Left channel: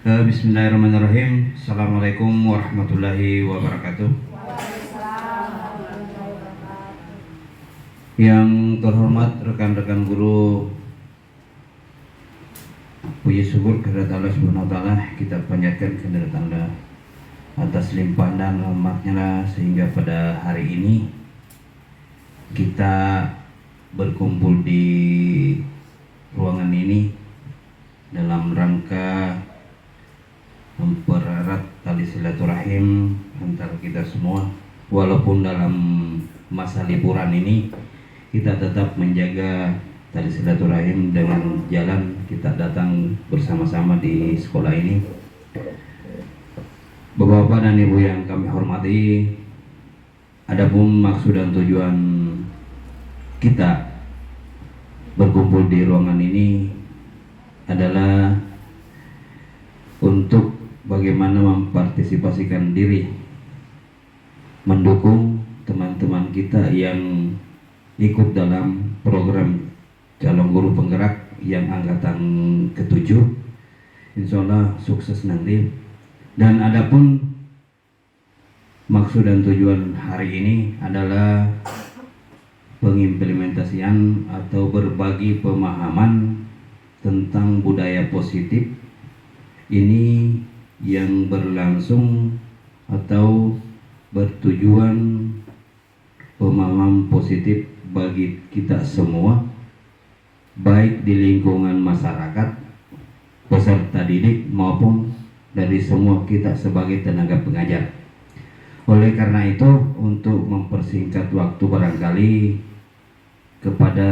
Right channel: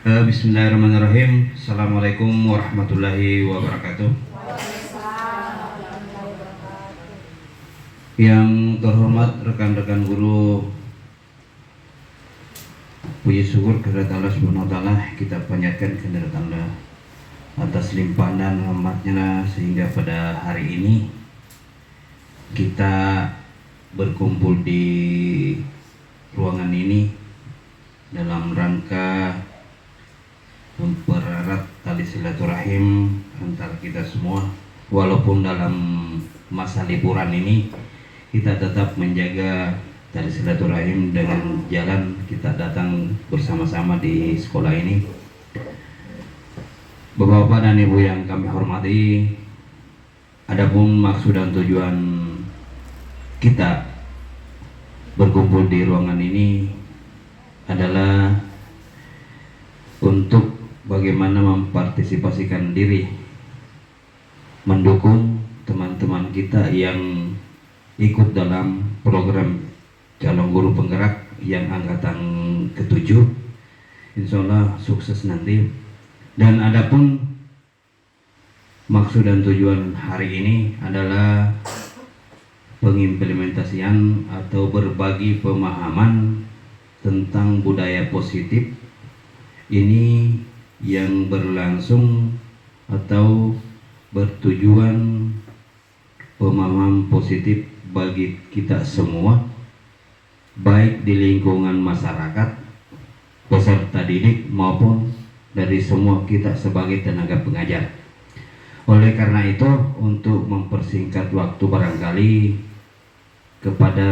Bismillahirrahmanirrahim. Assalamualaikum warahmatullahi wabarakatuh. Yang terhormat rekan-rekan guru, puji syukur kehadirat Allah Subhanahu wa taala, kita panjatkan kehadirat Allah atas limpahan dan rahmatnya sehingga pada hari ini kita berkumpul di ruangan ini dalam rangka mempererat tali silaturahim antara kita semua. Walaupun dalam masa liburan ini kita tetap menjaga tali silaturahim dengan jalan kita datang bersama-sama di sekolah ini. Bapak-bapak dan ibu yang kami hormati, adapun maksud dan tujuan kita berkumpul di ruangan ini adalah untuk bagaimana mempartisipasikan diri, mendukung teman-teman kita yang ikut dalam program calon guru penggerak yang angkatan ke-7. Insya Allah sukses nanti. Dan adapun maksud dan tujuan hari ini adalah pengimplementasian atau berbagi pemahaman tentang budaya positif ini yang berlangsung atau bertujuan pemahaman positif bagi kita semua, baik di lingkungan masyarakat, peserta didik maupun dari semua kita sebagai tenaga pengajar. Oleh karena itu, untuk mempersingkat waktu barangkali kepada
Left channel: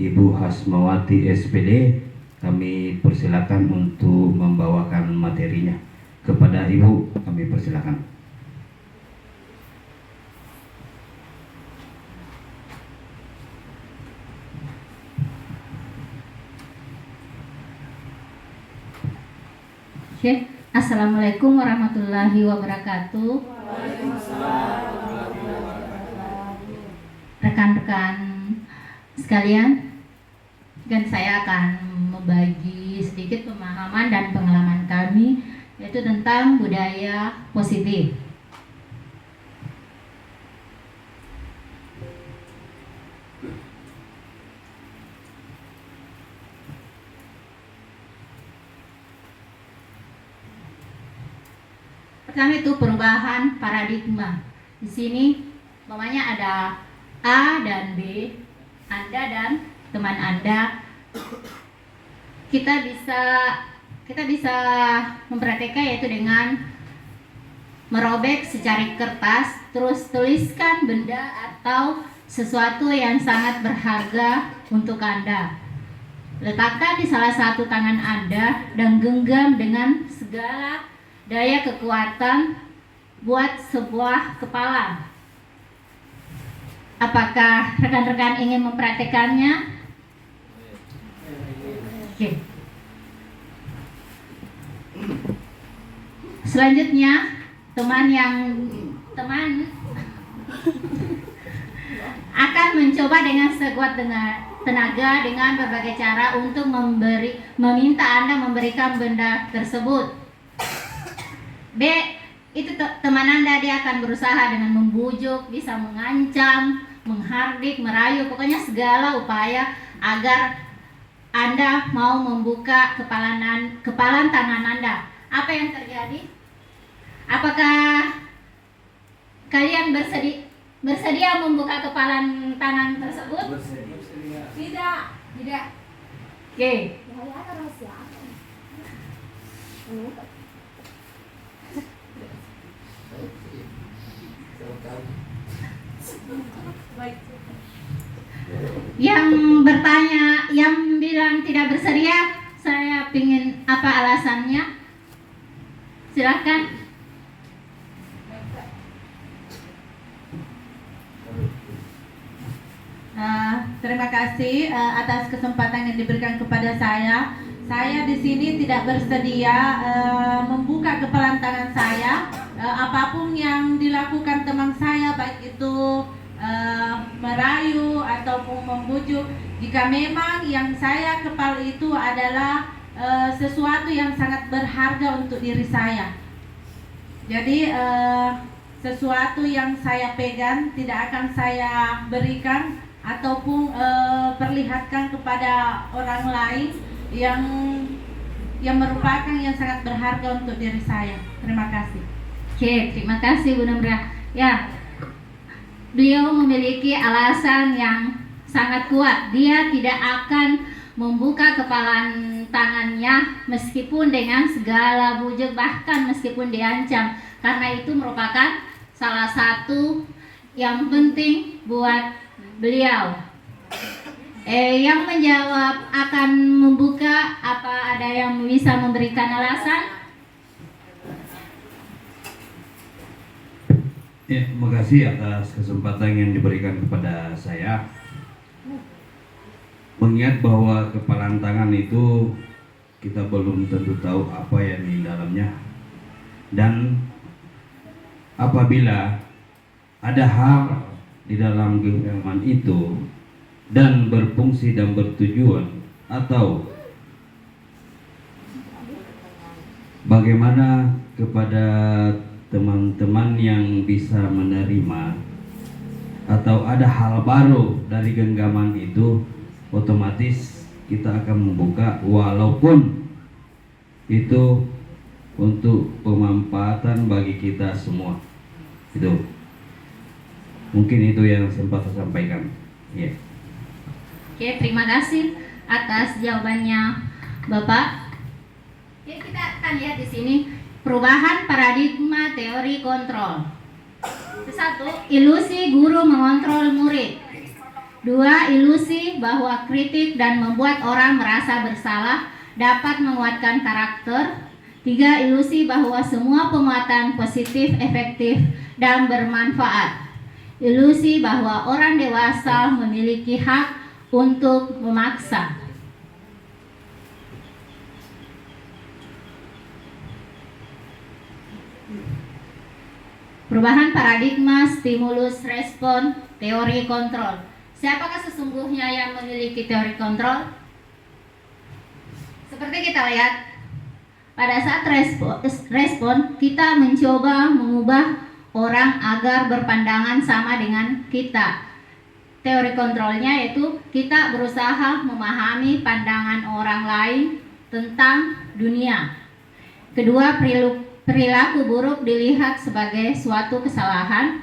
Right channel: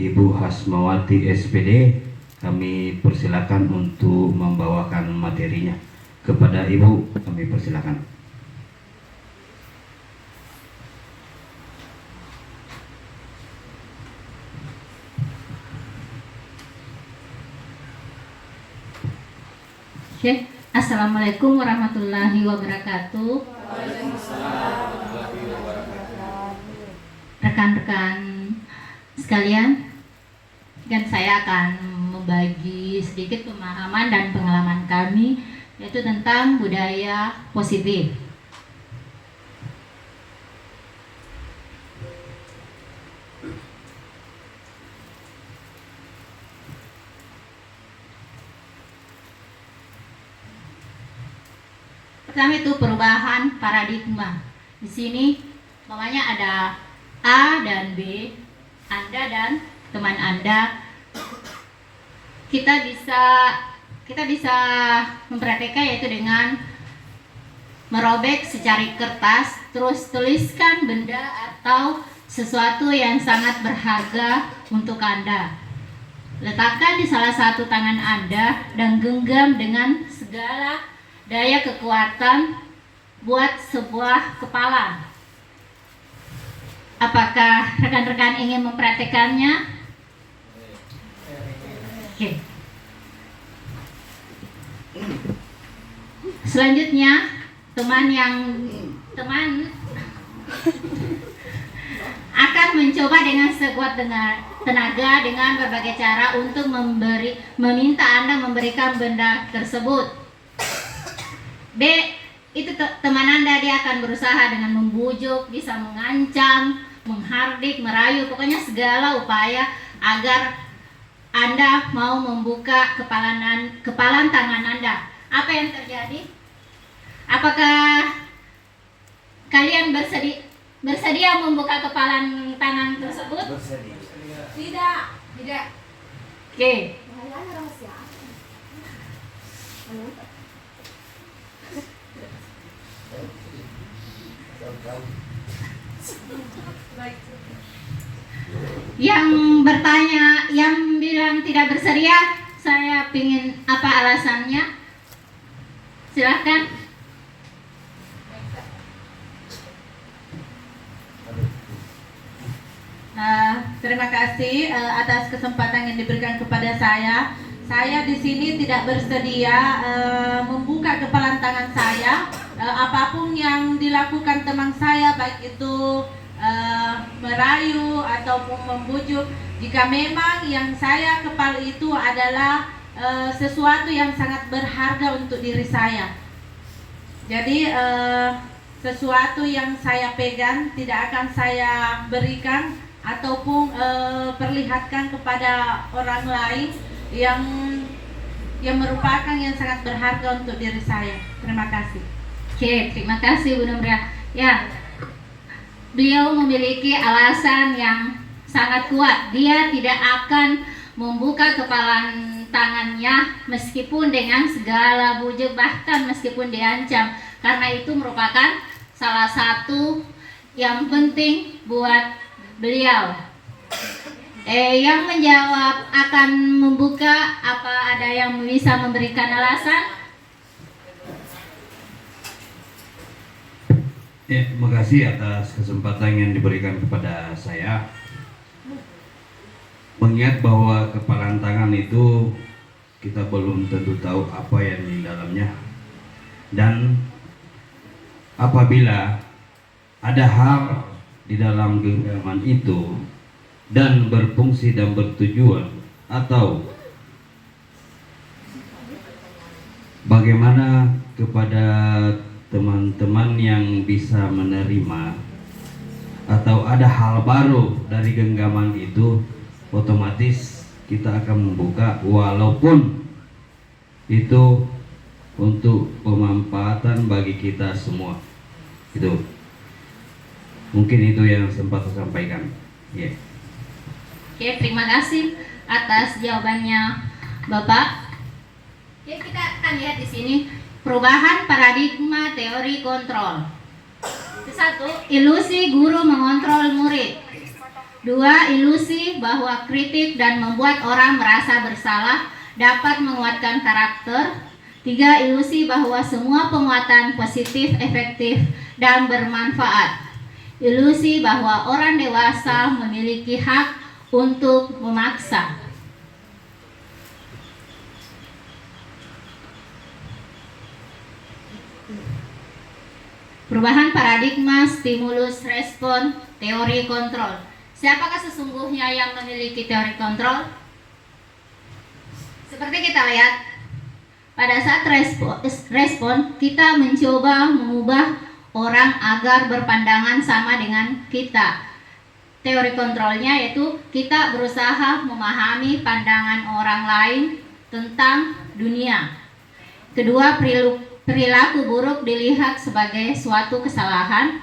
Ibu Hasmawati SPD kami persilakan untuk membawakan materinya. Kepada Ibu kami persilakan. Oke, Assalamualaikum warahmatullahi wabarakatuh. Rekan-rekan sekalian, dan saya akan membagi sedikit pemahaman dan pengalaman kami, yaitu tentang budaya positif. Pertama itu perubahan paradigma. Di sini namanya ada A dan B, Anda dan teman Anda. Kita bisa mempraktekkan yaitu dengan merobek secari kertas, terus tuliskan benda atau sesuatu yang sangat berharga untuk Anda. Letakkan di salah satu tangan Anda dan genggam dengan segala daya kekuatan, buat sebuah kepalan. Apakah rekan-rekan ingin mempraktekannya? Oke. Selanjutnya, teman akan mencoba dengan sekuat tenaga dengan berbagai cara untuk meminta Anda memberikan benda tersebut. B, itu teman Anda, dia akan berusaha dengan membujuk, bisa mengancam, menghardik, merayu, pokoknya segala upaya agar Anda mau membuka kepalan tangan Anda. Apa yang terjadi? Apakah kalian bersedia membuka kepalan tangan tersebut? Bersedia. Tidak. Oke. Yang bertanya, yang bilang tidak bersedia, saya pingin apa alasannya? Silahkan. Terima kasih atas kesempatan yang diberikan kepada saya. Saya di sini tidak bersedia membuka kepalan tangan saya. Apapun yang dilakukan teman saya, baik itu merayu ataupun membujuk, jika memang yang saya kepal itu adalah sesuatu yang sangat berharga untuk diri saya. Jadi sesuatu yang saya pegang tidak akan saya berikan ataupun perlihatkan kepada orang lain yang merupakan yang sangat berharga untuk diri saya. Terima kasih. Oke, terima kasih Bu Numbria. Ya, beliau memiliki alasan yang sangat kuat. Dia tidak akan membuka kepalan tangannya meskipun dengan segala bujuk, bahkan meskipun diancam, karena itu merupakan salah satu yang penting buat beliau. Yang menjawab akan membuka, apa ada yang bisa memberikan alasan? Ya, makasih atas kesempatan yang diberikan kepada saya. Mengingat bahwa kepalan tangan itu kita belum tentu tahu apa yang di dalamnya, dan apabila ada hal di dalam genggaman itu dan berfungsi dan bertujuan, atau bagaimana kepada teman-teman yang bisa menerima, atau ada hal baru dari genggaman itu, otomatis kita akan membuka, walaupun itu untuk pemanfaatan bagi kita semua. Itu mungkin itu yang sempat saya sampaikan. Ya. Oke, terima kasih atas jawabannya Bapak. Oke, kita akan lihat di sini perubahan paradigma teori kontrol. Satu, ilusi guru mengontrol murid. Dua, ilusi bahwa kritik dan membuat orang merasa bersalah dapat menguatkan karakter. Tiga, ilusi bahwa semua penguatan positif, efektif, dan bermanfaat. Ilusi bahwa orang dewasa memiliki hak untuk memaksa. Perubahan paradigma stimulus respon teori kontrol. Siapakah sesungguhnya yang memiliki teori kontrol? Seperti kita lihat, pada saat respon kita mencoba mengubah orang agar berpandangan sama dengan kita. Teori kontrolnya yaitu kita berusaha memahami pandangan orang lain tentang dunia. Kedua, perilaku buruk dilihat sebagai suatu kesalahan.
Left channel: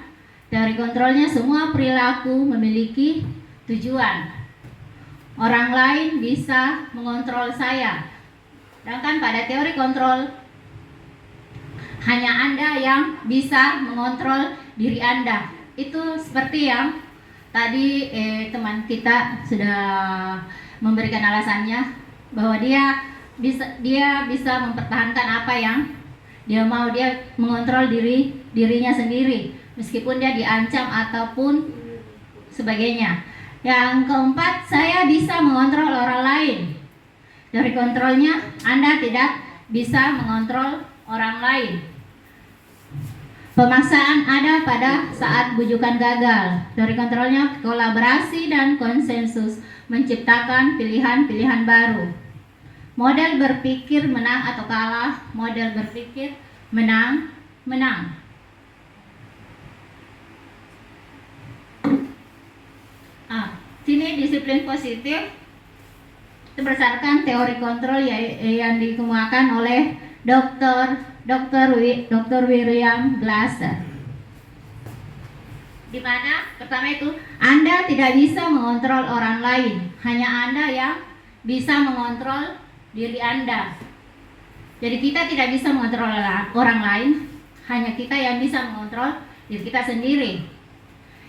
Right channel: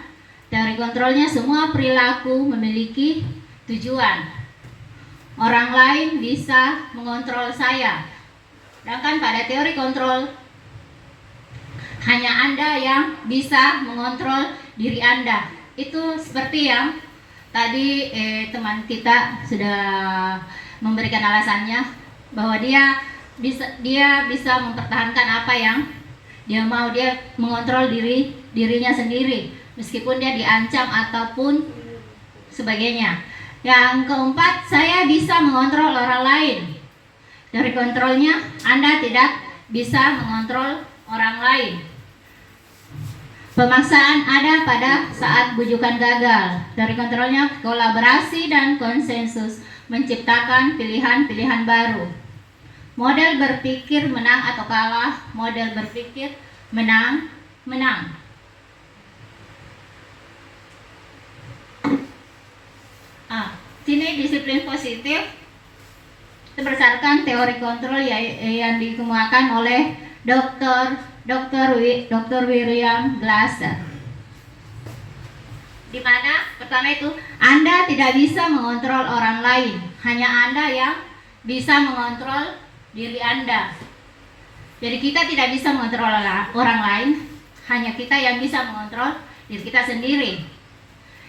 Teori kontrolnya semua perilaku memiliki tujuan. Orang lain bisa mengontrol saya. Sedangkan pada teori kontrol hanya Anda yang bisa mengontrol diri Anda. Itu seperti yang tadi teman kita sudah memberikan alasannya, bahwa dia bisa mempertahankan apa yang dia mau. Dia mengontrol dirinya sendiri meskipun dia diancam ataupun sebagainya. Yang keempat, saya bisa mengontrol orang lain. Teori kontrolnya Anda tidak bisa mengontrol orang lain. Pemaksaan ada pada saat bujukan gagal. Teori kontrolnya kolaborasi dan konsensus menciptakan pilihan-pilihan baru. Model berpikir menang atau kalah, model berpikir menang. Sini disiplin positif berdasarkan teori kontrol yang dikemukakan oleh Dr. William Glasser. Di mana pertama itu Anda tidak bisa mengontrol orang lain, hanya Anda yang bisa mengontrol diri Anda. Jadi kita tidak bisa mengontrol orang lain, hanya kita yang bisa mengontrol diri kita sendiri.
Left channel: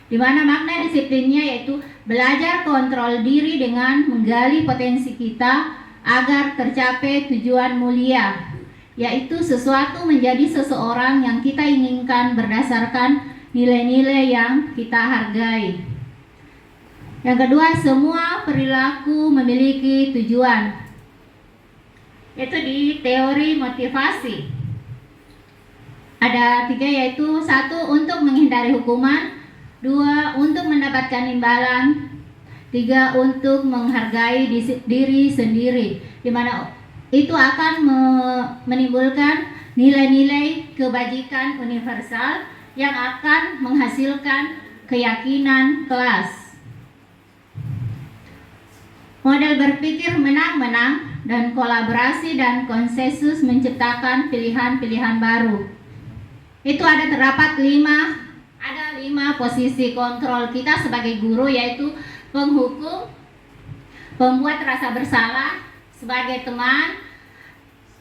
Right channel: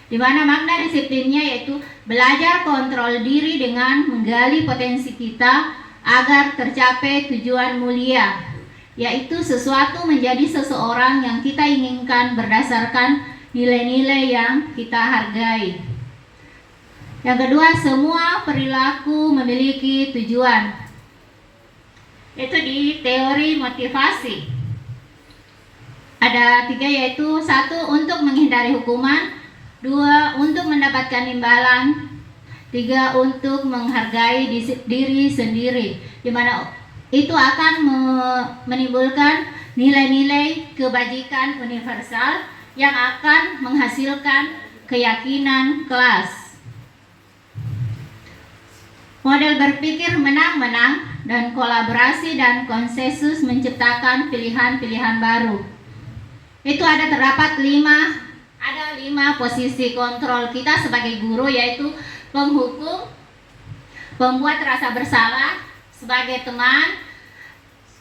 Di mana makna disiplinnya yaitu belajar kontrol diri dengan menggali potensi kita agar tercapai tujuan mulia, yaitu sesuatu menjadi seseorang yang kita inginkan berdasarkan nilai-nilai yang kita hargai. Yang kedua, semua perilaku memiliki tujuan. Itu di teori motivasi. Ada 3, yaitu 1 untuk menghindari hukuman, 2 untuk mendapatkan imbalan, 3 untuk menghargai diri sendiri. Di mana itu akan menimbulkan nilai-nilai kebajikan universal yang akan menghasilkan keyakinan kelas. Model berpikir menang-menang dan kolaborasi dan konsensus menciptakan pilihan-pilihan baru. Itu terdapat 5 posisi kontrol kita sebagai guru, yaitu penghukum, pembuat rasa bersalah, sebagai teman,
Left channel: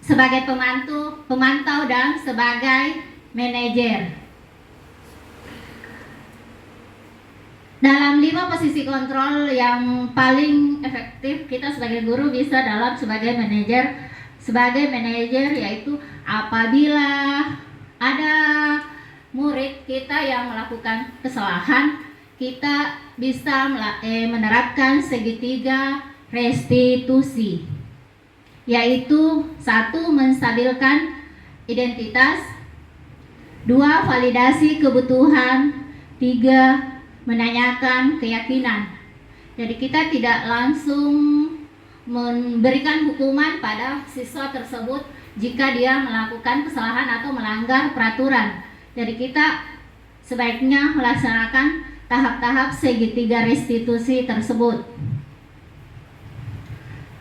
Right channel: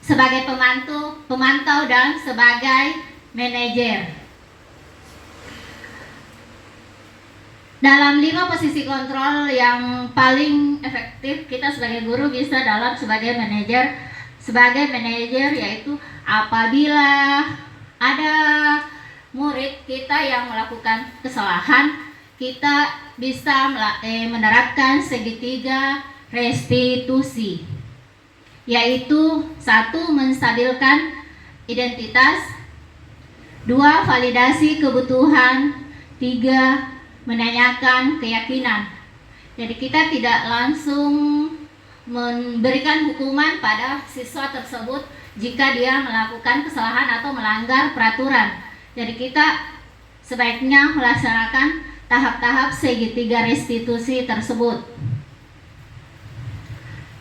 sebagai pemantau dan sebagai manajer. Dalam 5 posisi kontrol yang paling efektif kita sebagai guru bisa sebagai manajer yaitu apabila ada murid kita yang melakukan kesalahan, kita bisa menerapkan segitiga restitusi, yaitu 1. Menstabilkan identitas, 2. Validasi kebutuhan, 3. Menanyakan keyakinan. Jadi kita tidak langsung memberikan hukuman pada siswa tersebut jika dia melakukan kesalahan atau melanggar peraturan. Jadi kita sebaiknya melaksanakan tahap-tahap segitiga restitusi tersebut.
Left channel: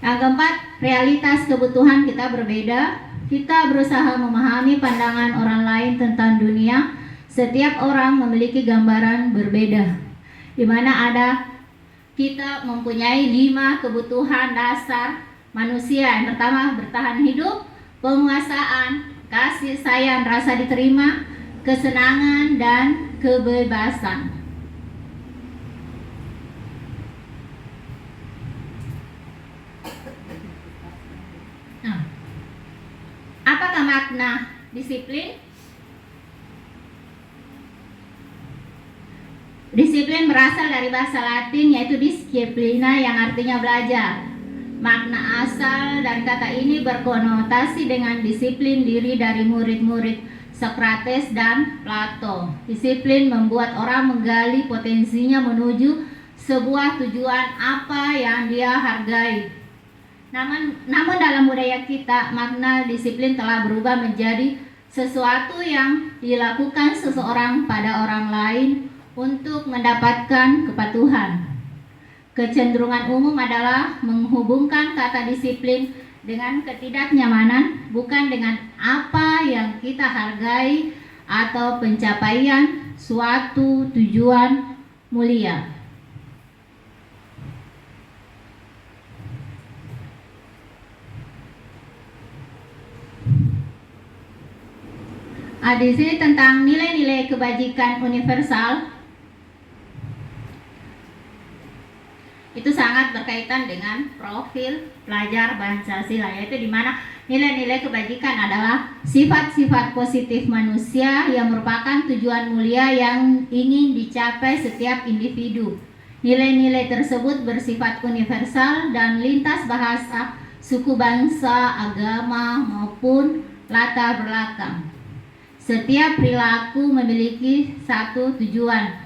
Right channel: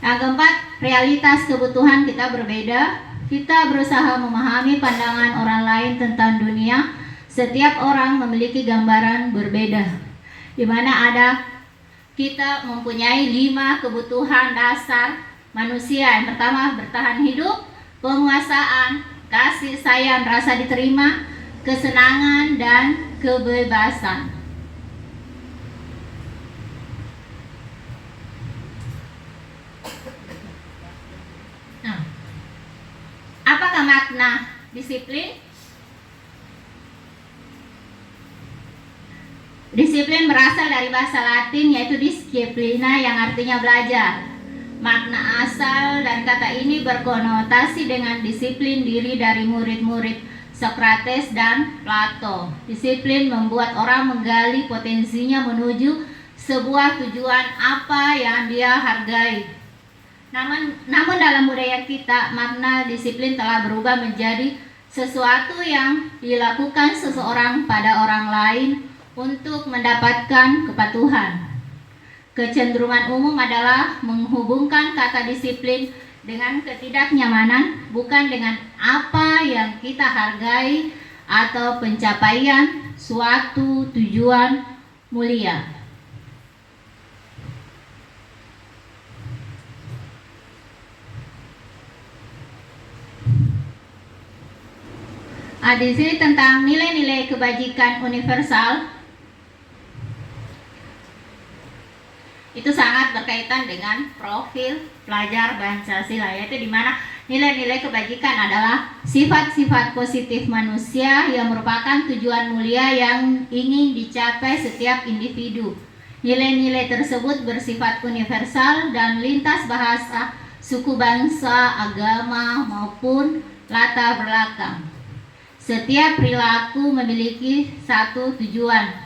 Yang keempat, realitas kebutuhan kita berbeda. Kita berusaha memahami pandangan orang lain tentang dunia. Setiap orang memiliki gambaran berbeda, di mana kita mempunyai 5 kebutuhan dasar manusia. Yang pertama, bertahan hidup, penguasaan, kasih sayang, rasa diterima, kesenangan, dan kebebasan. Nah, apakah makna disiplin? Disiplin berasal dari bahasa Latin yaitu disciplina yang artinya belajar. Makna asal dari kata ini berkonotasi dengan disiplin diri dari murid-murid Sokrates dan Plato. Disiplin membuat orang menggali potensinya menuju sebuah tujuan apa yang dia hargai. Namun dalam budaya kita, makna disiplin telah berubah menjadi sesuatu yang dilakukan seseorang pada orang lain untuk mendapatkan kepatuhan. Kecenderungan umum adalah menghubungkan kata disiplin dengan ketidaknyamanan, bukan dengan apa yang kita hargai atau pencapaian suatu tujuan mulia. Di sini tentang nilai-nilai kebajikan universal. Itu sangat berkaitan dengan profil pelajar Pancasila, yaitu di mana nilai-nilai kebajikan adalah sifat-sifat positif manusia yang merupakan tujuan mulia yang ingin dicapai setiap individu. Nilai-nilai tersebut bersifat universal dan lintas bahasa, suku bangsa, agama, maupun latar belakang. Setiap perilaku memiliki satu tujuan.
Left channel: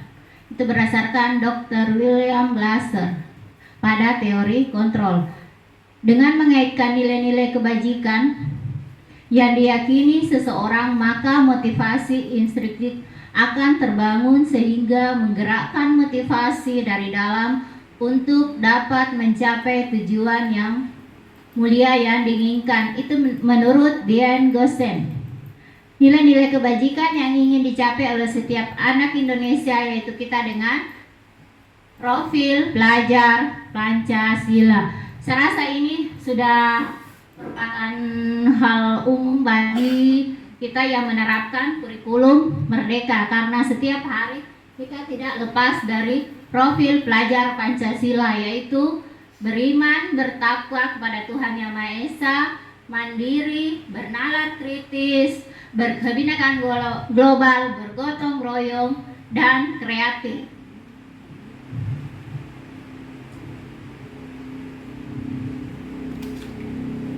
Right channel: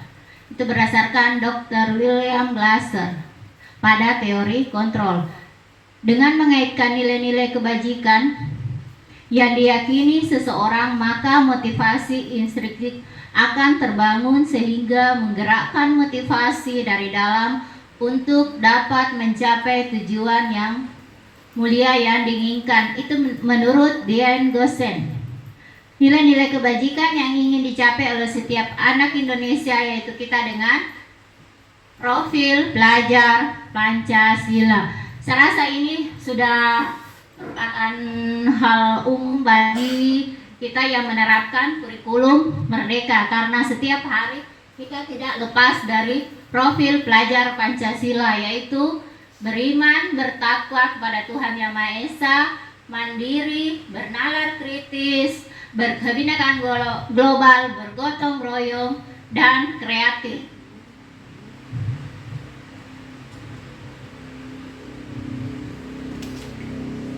Itu berdasarkan Dr. William Glasser pada teori kontrol. Dengan mengaitkan nilai-nilai kebajikan yang diyakini seseorang, maka motivasi instinktif akan terbangun sehingga menggerakkan motivasi dari dalam untuk dapat mencapai tujuan yang mulia yang diinginkan. Itu menurut Dian Gosen. Nilai-nilai kebajikan yang ingin dicapai oleh setiap anak Indonesia yaitu kita dengan profil pelajar Pancasila. Saya rasa ini sudah merupakan hal umum bagi kita yang menerapkan kurikulum Merdeka, karena setiap hari kita tidak lepas dari profil pelajar Pancasila, yaitu beriman, bertakwa kepada Tuhan Yang Maha Esa, mandiri, bernalar kritis, berkebinekaan global, bergotong royong, dan kreatif.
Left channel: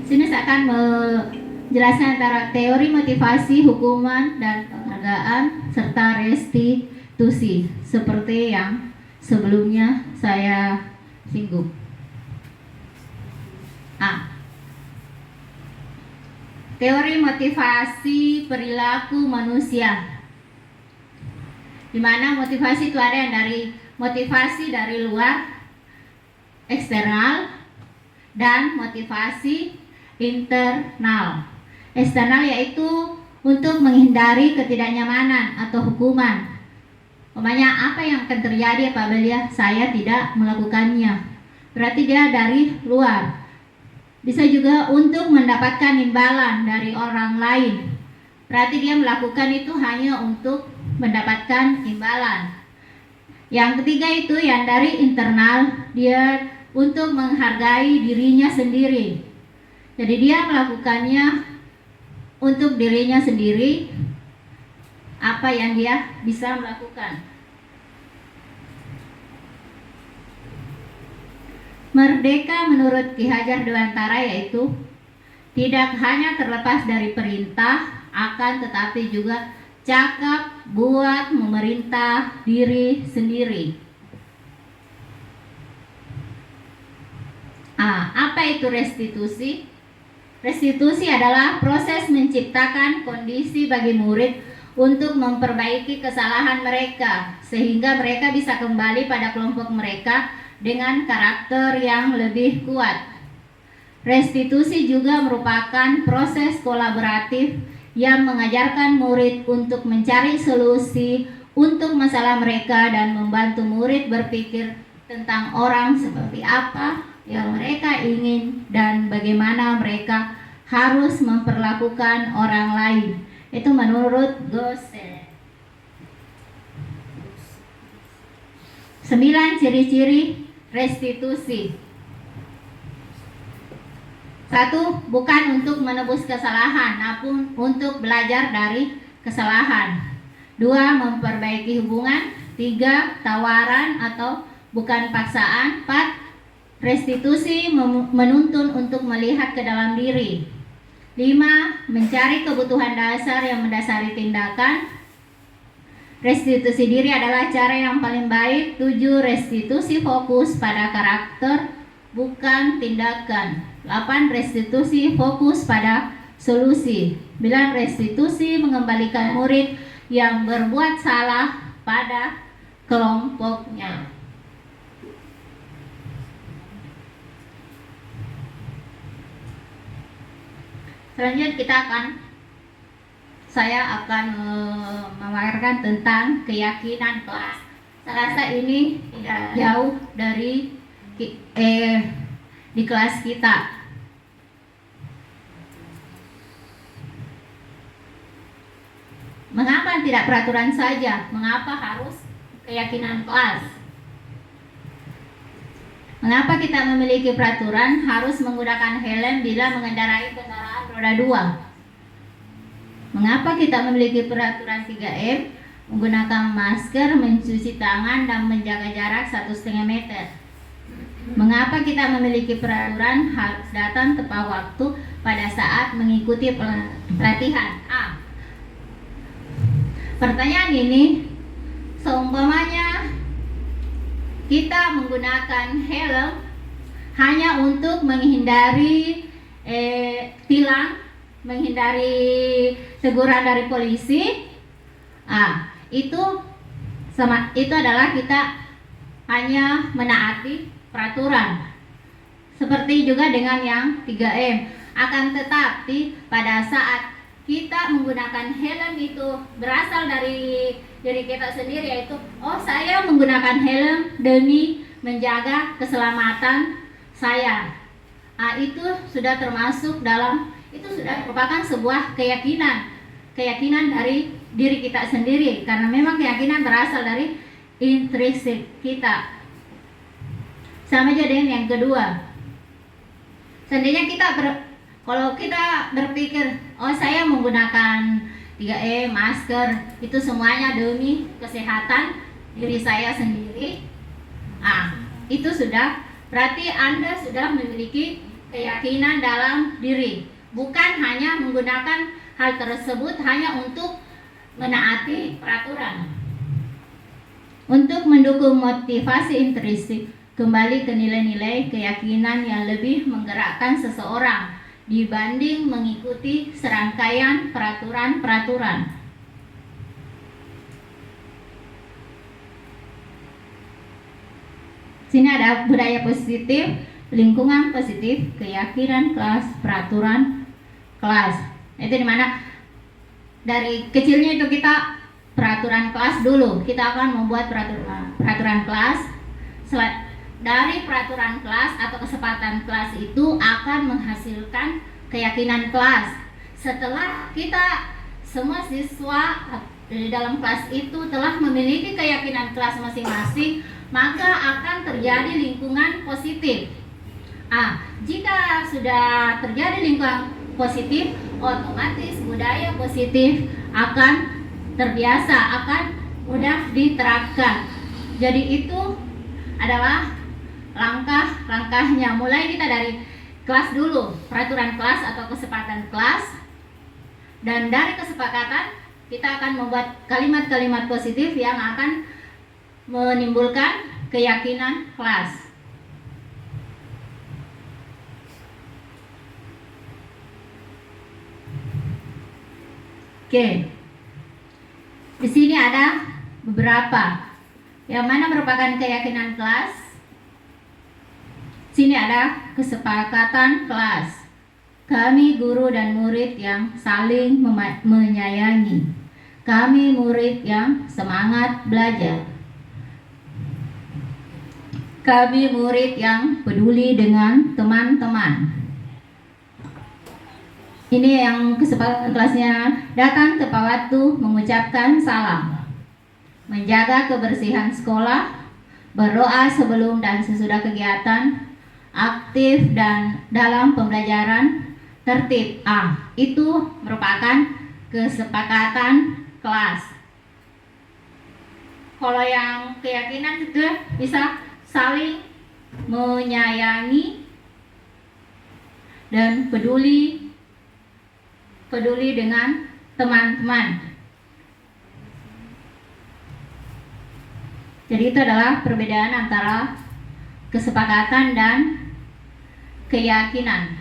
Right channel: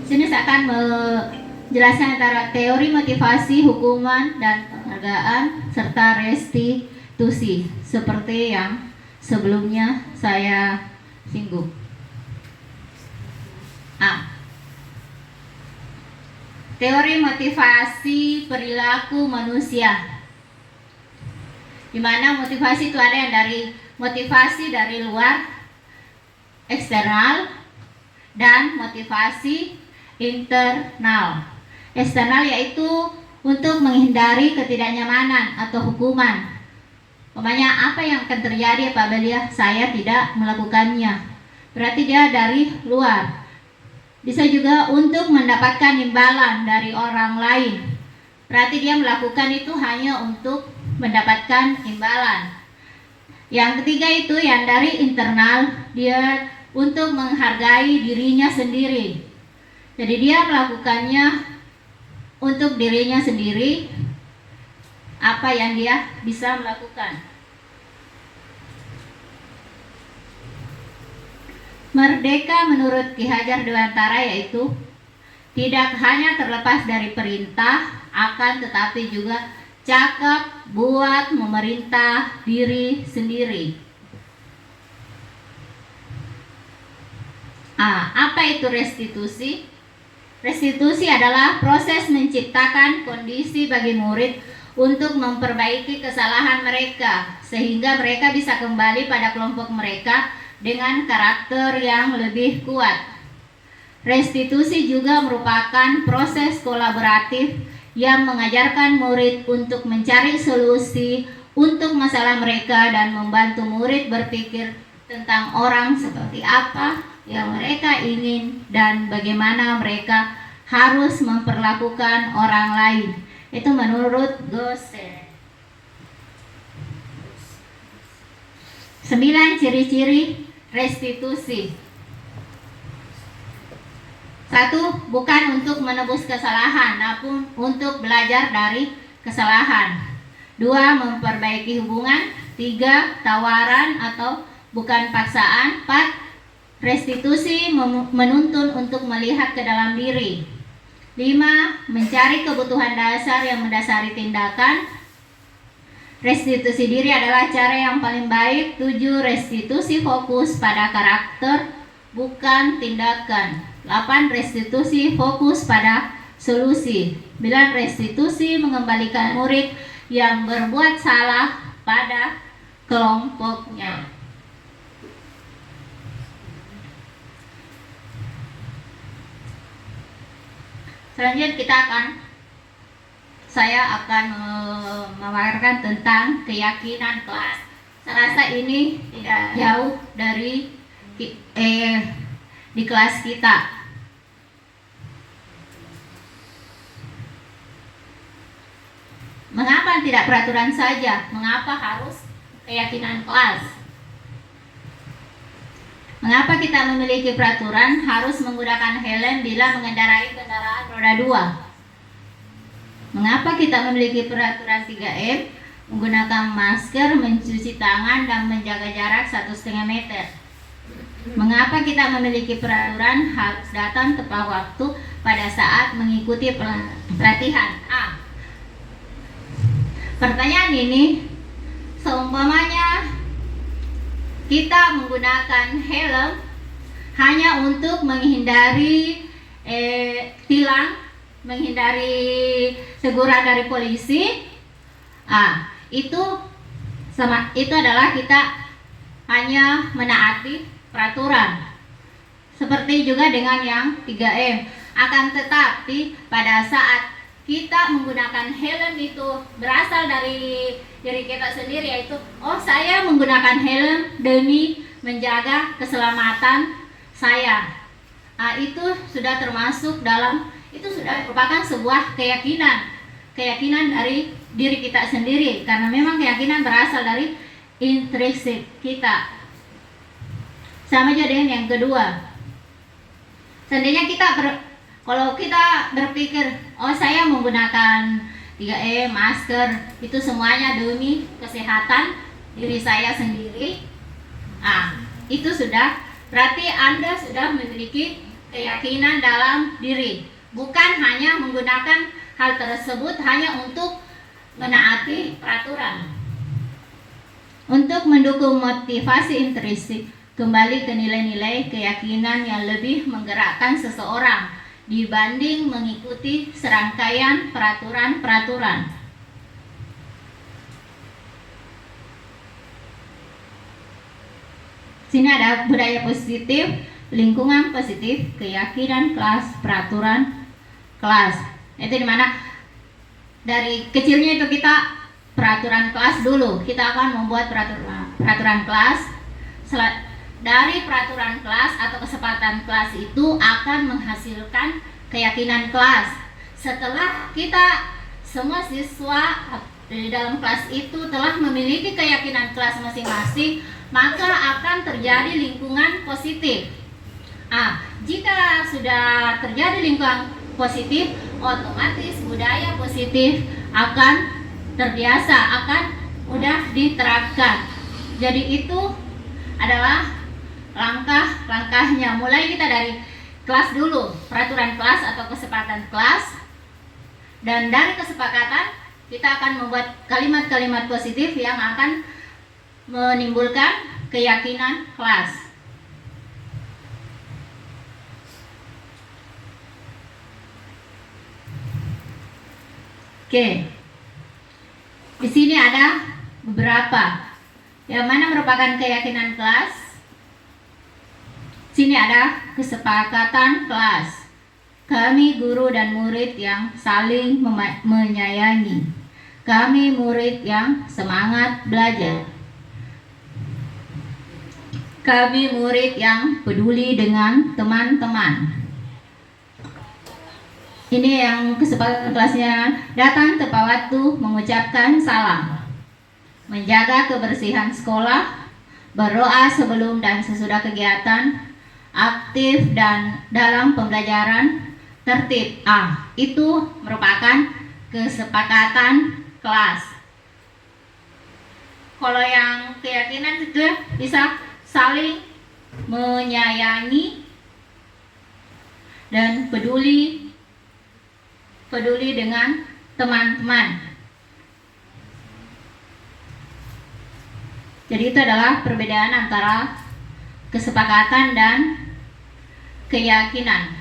Sini saya akan menjelaskan antara teori motivasi, hukuman, dan penghargaan, serta restitusi, seperti yang sebelumnya saya singgung. teori motivasi perilaku manusia, di mana motivasi itu ada yang dari motivasi dari luar eksternal dan motivasi internal. Eksternal yaitu untuk menghindari ketidaknyamanan atau hukuman. Umpamanya apa yang akan terjadi apabila saya tidak melakukannya? Berarti dia dari luar. Bisa juga untuk mendapatkan imbalan dari orang lain. Berarti dia melakukan itu hanya untuk mendapatkan imbalan. Yang ketiga itu yang dari internal, dia untuk menghargai dirinya sendiri. Jadi dia melakukannya untuk dirinya sendiri, apa yang dia bisa melakukan. Merdeka menurut Ki Hajar Dewantara yaitu tidak hanya terlepas dari perintah, akan tetapi juga cakap buat memerintah diri sendiri. Apa itu restitusi? Restitusi adalah proses menciptakan kondisi bagi murid untuk memperbaiki kesalahan mereka sehingga mereka bisa kembali pada kelompok mereka dengan karakter yang lebih kuat. Restitusi juga merupakan proses kolaboratif yang mengajarkan murid untuk mencari solusi untuk masalah mereka dan membantu murid berpikir tentang orang seperti apa yang mereka ingin dan bagaimana mereka harus memperlakukan orang lain. Itu menurut Gosset. 9 ciri-ciri restitusi. 1. Bukan untuk menebus kesalahan, namun untuk belajar dari kesalahan. 2. Memperbaiki hubungan. 3. Tawaran atau bukan paksaan. 4. Restitusi menuntun untuk melihat ke dalam diri. 5. Mencari kebutuhan dasar yang mendasari tindakan. Restitusi diri adalah cara yang paling baik. 7. Restitusi fokus pada karakter, bukan tindakan. 8. Restitusi fokus pada solusi. 9. Restitusi mengembalikan murid yang berbuat salah pada kelompoknya. Selanjutnya saya akan memaparkan tentang keyakinan kelas. Saya rasa ini tidak jauh dari di kelas kita. Mengapa tidak peraturan saja? Mengapa harus keyakinan kelas? Mengapa kita memiliki peraturan harus menggunakan helm bila mengendarai kendaraan roda 2? Mengapa kita memiliki peraturan 3M, menggunakan masker, mencuci tangan, dan menjaga jarak 1,5 meter? Mengapa kita memiliki peraturan harus datang tepat waktu pada saat mengikuti pelatihan? Pertanyaan ini, seumpamanya kita menggunakan helm hanya untuk menghindari tilang, menghindari teguran dari polisi. Itu adalah kita hanya menaati peraturan. Seperti juga dengan yang 3M. Akan tetapi pada saat kita menggunakan helm itu berasal dari diri kita sendiri, yaitu saya menggunakan helm demi menjaga keselamatan saya. Itu sudah termasuk dalam, itu sudah merupakan sebuah keyakinan dari diri kita sendiri, karena memang keyakinan berasal dari intrinsik kita. Sama aja dengan yang kedua. Seandainya kalau kita berpikir, saya menggunakan 3M, masker, itu semuanya demi kesehatan diri saya sendiri. Itu sudah, berarti Anda sudah memiliki keyakinan dalam diri. Bukan hanya menggunakan hal tersebut hanya untuk menaati peraturan. Untuk mendukung motivasi intrinsik, kembali ke nilai-nilai keyakinan yang lebih menggerakkan seseorang, dibanding mengikuti serangkaian peraturan-peraturan. Sini ada budaya positif, lingkungan positif, keyakinan kelas, peraturan kelas. Itu dimana dari kecilnya itu kita peraturan kelas dulu. Kita akan membuat peraturan kelas. Dari peraturan kelas atau kesepakatan kelas itu akan menghasilkan keyakinan kelas. Setelah kita semua siswa di dalam kelas itu telah memiliki keyakinan kelas masing-masing, maka akan terjadi lingkungan positif. Jika sudah terjadi lingkungan positif, otomatis budaya positif akan terbiasa, akan mudah diterapkan. Jadi itu adalah langkah-langkahnya. Mulai kita dari kelas dulu, peraturan kelas atau kesepakatan kelas. Dan dari kesepakatan kita akan membuat kalimat-kalimat positif yang akan menimbulkan keyakinan kelas. Oke. Di sini ada beberapa yang mana merupakan keyakinan kelas. Sini ada kesepakatan kelas. Kami guru dan murid yang saling menyayangi. Kami murid yang semangat belajar. Kami murid yang peduli dengan teman-teman. Ini yang kesepakatan kelasnya. Datang tepat waktu, mengucapkan salam, menjaga kebersihan sekolah, berdoa sebelum dan sesudah kegiatan, aktif dan dalam pembelajaran, tertib. Itu merupakan kesepakatan kelas. Kalau yang keyakinan itu bisa saling menyayangi dan peduli dengan teman-teman. Jadi itu adalah perbedaan antara kesepakatan dan keyakinan.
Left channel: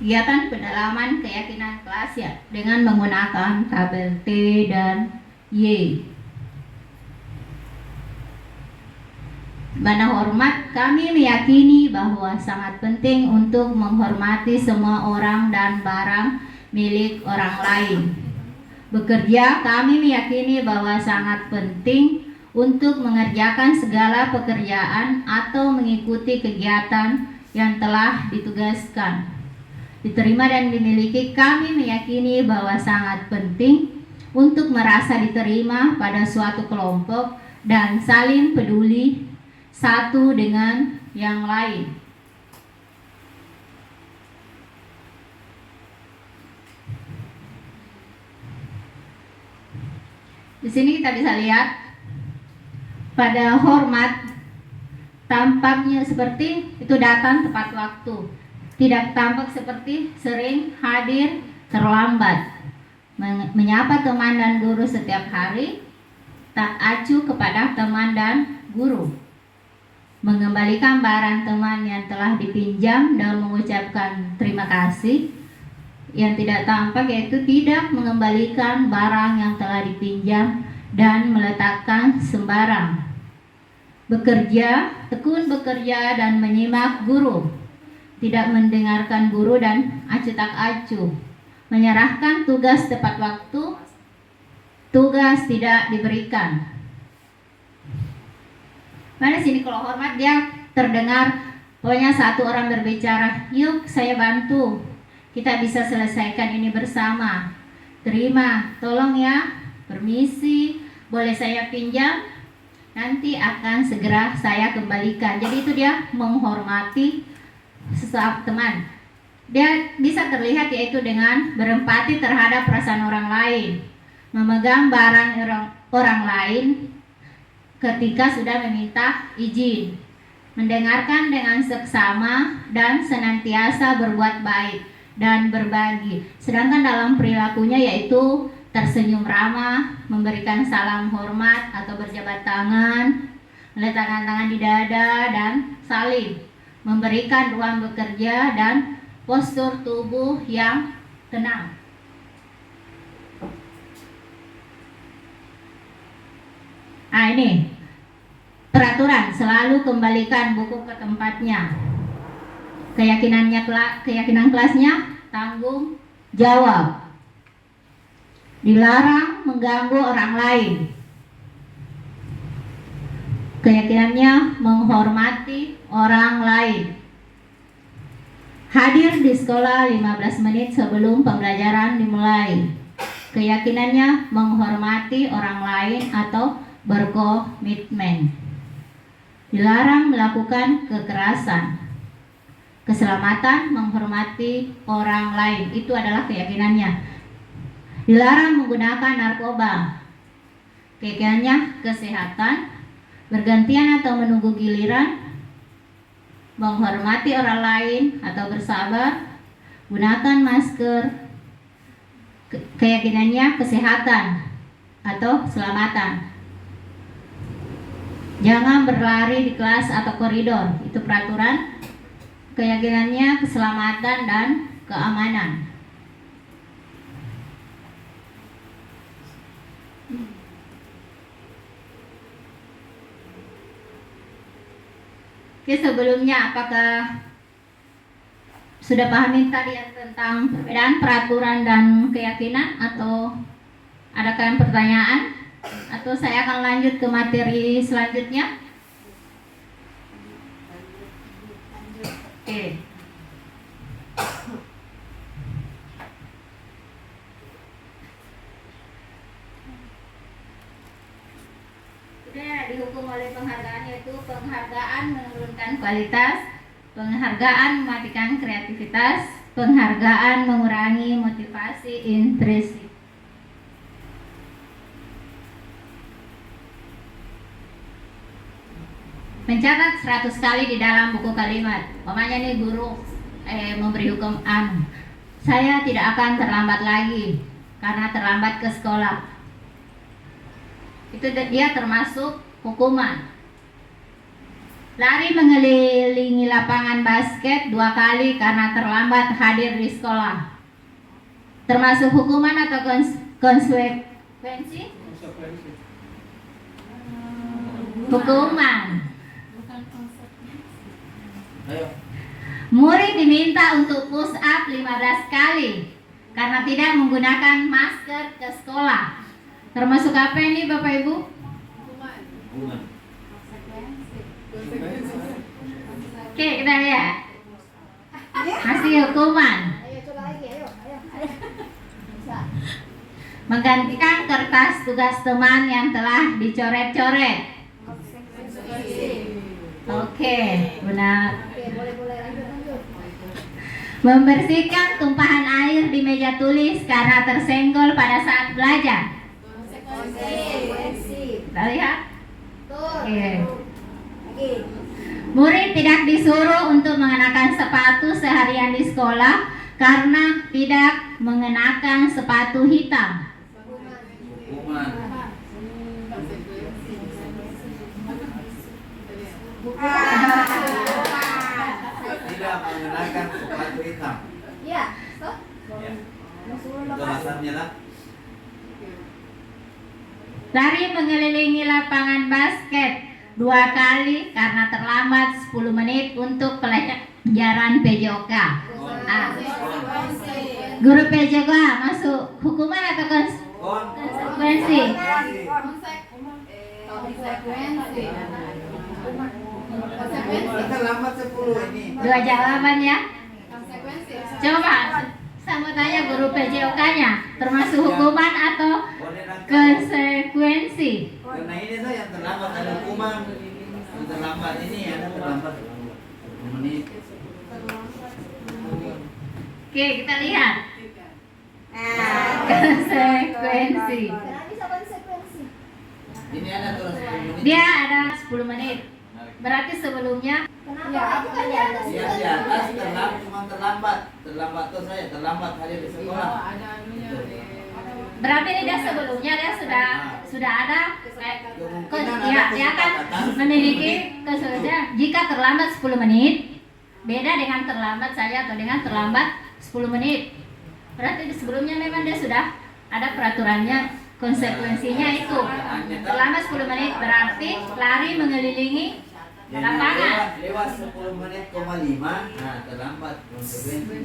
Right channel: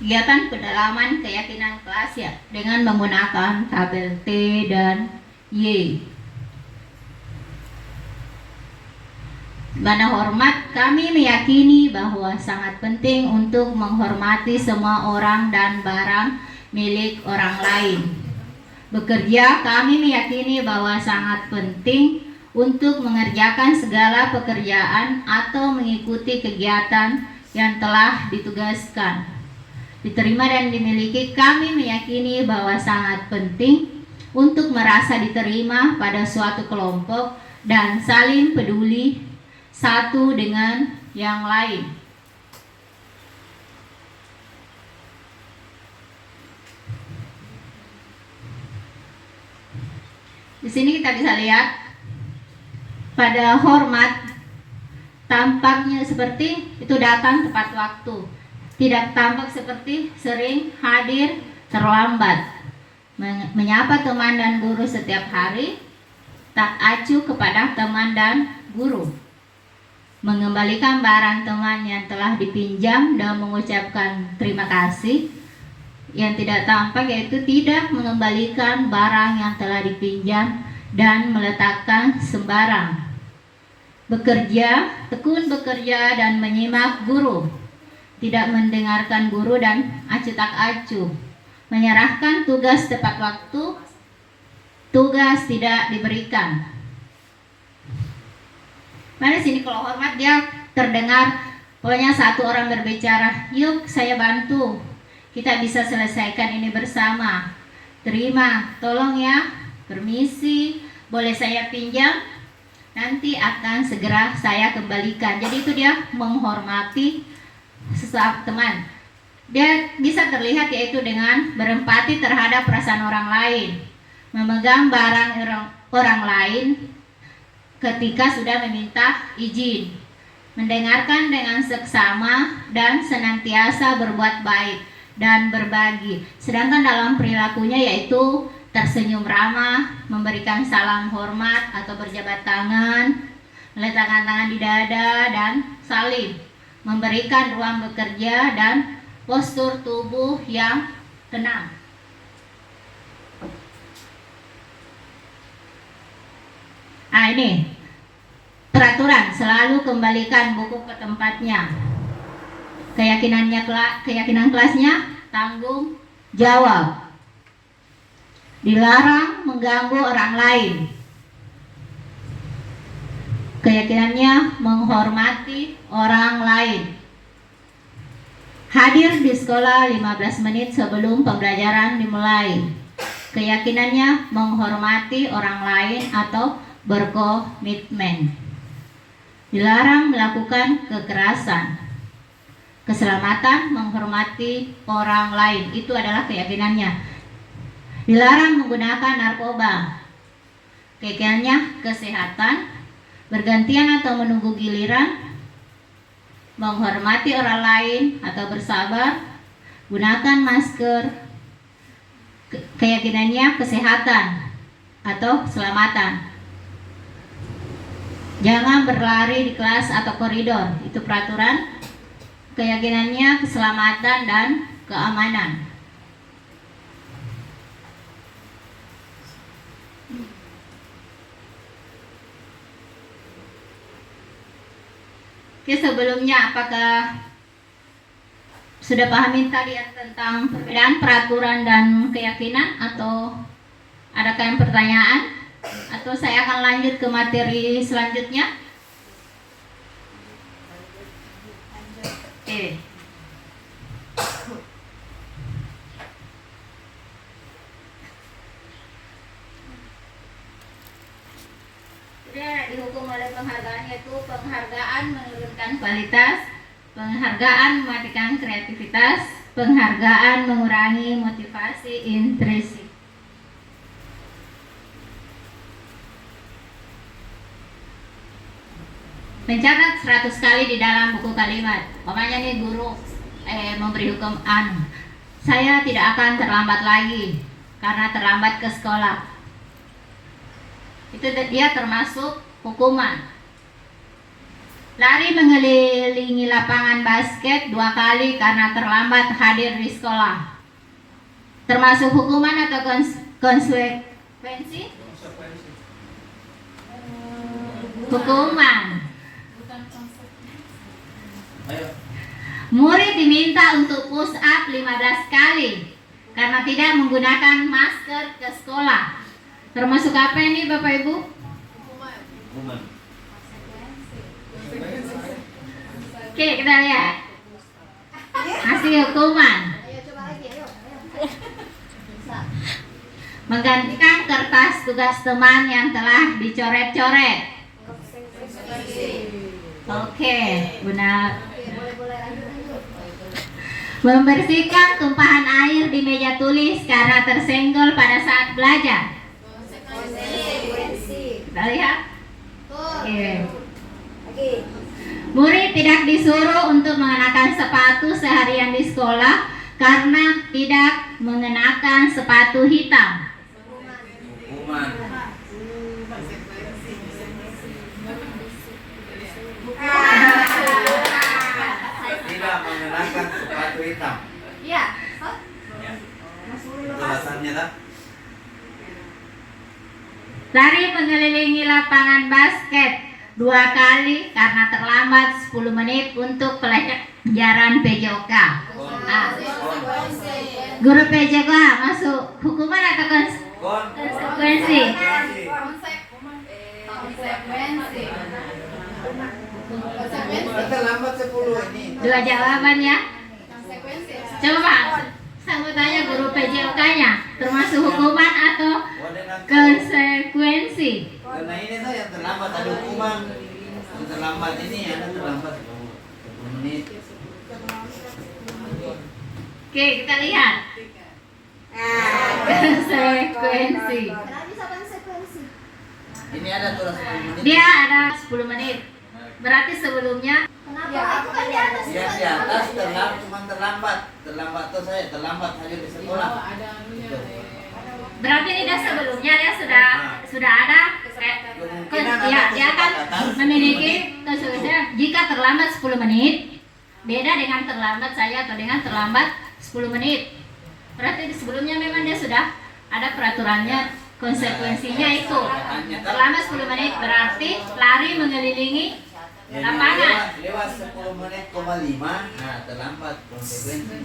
Kegiatan pendalaman keyakinan kelas ya dengan menggunakan tabel T dan Y. Bana hormat, kami meyakini bahwa sangat penting untuk menghormati semua orang dan barang milik orang lain. Bekerja, kami meyakini bahwa sangat penting untuk mengerjakan segala pekerjaan atau mengikuti kegiatan yang telah ditugaskan. Diterima dan dimiliki, kami meyakini bahwa sangat penting untuk merasa diterima pada suatu kelompok dan saling peduli satu dengan yang lain. Di sini kita bisa lihat pada hormat tampaknya seperti itu datang tepat waktu. Tidak tampak seperti sering hadir terlambat, menyapa teman dan guru setiap hari, tak acuh kepada teman dan guru, mengembalikan barang teman yang telah dipinjam dan mengucapkan terima kasih. Yang tidak tampak yaitu tidak mengembalikan barang yang telah dipinjam dan meletakkan sembarang. Bekerja, tekun bekerja dan menyimak guru. Tidak mendengarkan guru dan acuh tak acuh, menyerahkan tugas tepat waktu, tugas tidak diberikan. Mana sini kalau hormat dia terdengar, pokoknya satu orang berbicara, yuk saya bantu, kita bisa selesaikan ini bersama. Terima, tolong ya, permisi, boleh saya pinjam? Nanti akan segera saya kembalikan. Jadi itu dia menghormati sesuatu teman. Dia bisa terlihat yaitu dengan berempati terhadap perasaan orang lain, memegang barang orang lain ketika sudah meminta izin, mendengarkan dengan seksama dan senantiasa berbuat baik dan berbagi. Sedangkan dalam perilakunya yaitu tersenyum ramah, memberikan salam hormat atau berjabat tangan, meletakkan tangan di dada dan saling, memberikan ruang bekerja dan postur tubuh yang tenang. Ini peraturan, selalu kembalikan buku ke tempatnya. Keyakinan kelasnya, tanggung jawab. Dilarang mengganggu orang lain. Keyakinannya, menghormati orang lain. Hadir di sekolah 15 menit sebelum pembelajaran dimulai. Keyakinannya, menghormati orang lain atau berkomitmen. Dilarang melakukan kekerasan. Keselamatan, menghormati orang lain. Itu adalah keyakinannya. Dilarang menggunakan narkoba. Keyakinannya, kesehatan, bergantian atau menunggu giliran, menghormati orang lain atau bersabar, gunakan masker. Keyakinannya, kesehatan atau keselamatan. Jangan berlari di kelas atau koridor. Itu peraturan. Keyakinannya, keselamatan dan keamanan. Oke, sebelumnya apakah sudah pahamin tadi tentang perbedaan peraturan dan keyakinan, atau adakah yang pertanyaan? Atau saya akan lanjut ke materi selanjutnya? Oke. Tidak dihukum oleh penghargaan, yaitu penghargaan menurunkan kualitas, penghargaan mematikan kreativitas, penghargaan mengurangi motivasi intrinsik. Mencatat 100 kali di dalam buku kalimat. Makanya nih guru memberi hukum saya tidak akan terlambat lagi karena terlambat ke sekolah. Itu dia termasuk hukuman. Lari mengelilingi lapangan basket 2 kali karena terlambat hadir di sekolah. Termasuk hukuman atau konsekuensi? Hukuman. Murid diminta untuk push up 15 kali karena tidak menggunakan masker ke sekolah. Termasuk apa ini Bapak Ibu? Hukuman. Oke, kita lihat hasil hukuman. Menggantikan kertas tugas teman yang telah dicoret-coret. Oke, benar. Membersihkan tumpahan air di meja tulis karena tersenggol pada saat belajar. Kita lihat. Oke. Murid tidak disuruh untuk mengenakan sepatu seharian di sekolah karena tidak mengenakan sepatu hitam. Hukuman. Tidak mengenakan sepatu hitam. Iya. Itu alasannya tak? Lari mengelilingi lapangan basket 2 kali karena terlambat 10 menit untuk pelajaran PJOK. Guru PJOK masuk hukuman atau konsekuensi? Terlambat 10 ini. 2 jawaban ya. Coba saya mau tanya guru PJOK-nya, termasuk hukuman atau konsekuensi? Karena ini tuh yang terlambat ada hukuman. Yang terlambat ini ada terlambat 10 menit. Oke, kita lihat. Konsekuensi. Ini ada tuh 10 menit. Dia ada 10 menit. Berarti sebelumnya Kenapa? Itu kan di atas. Dia di atas terlambat, cuma terlambat. Terlambat tuh saya terlambat hadir di sekolah. berarti ini dia sebelumnya dia sudah ada ya, dia akan memiliki konsekuensinya. Jika terlambat 10 menit beda dengan terlambat saya atau dengan terlambat 10 menit. Berarti di sebelumnya memang dia sudah ada peraturannya, konsekuensinya itu. Terlambat 10 menit berarti lari mengelilingi lapangan. Lewat 10 menit, 5, nah terlambat konsekuensi.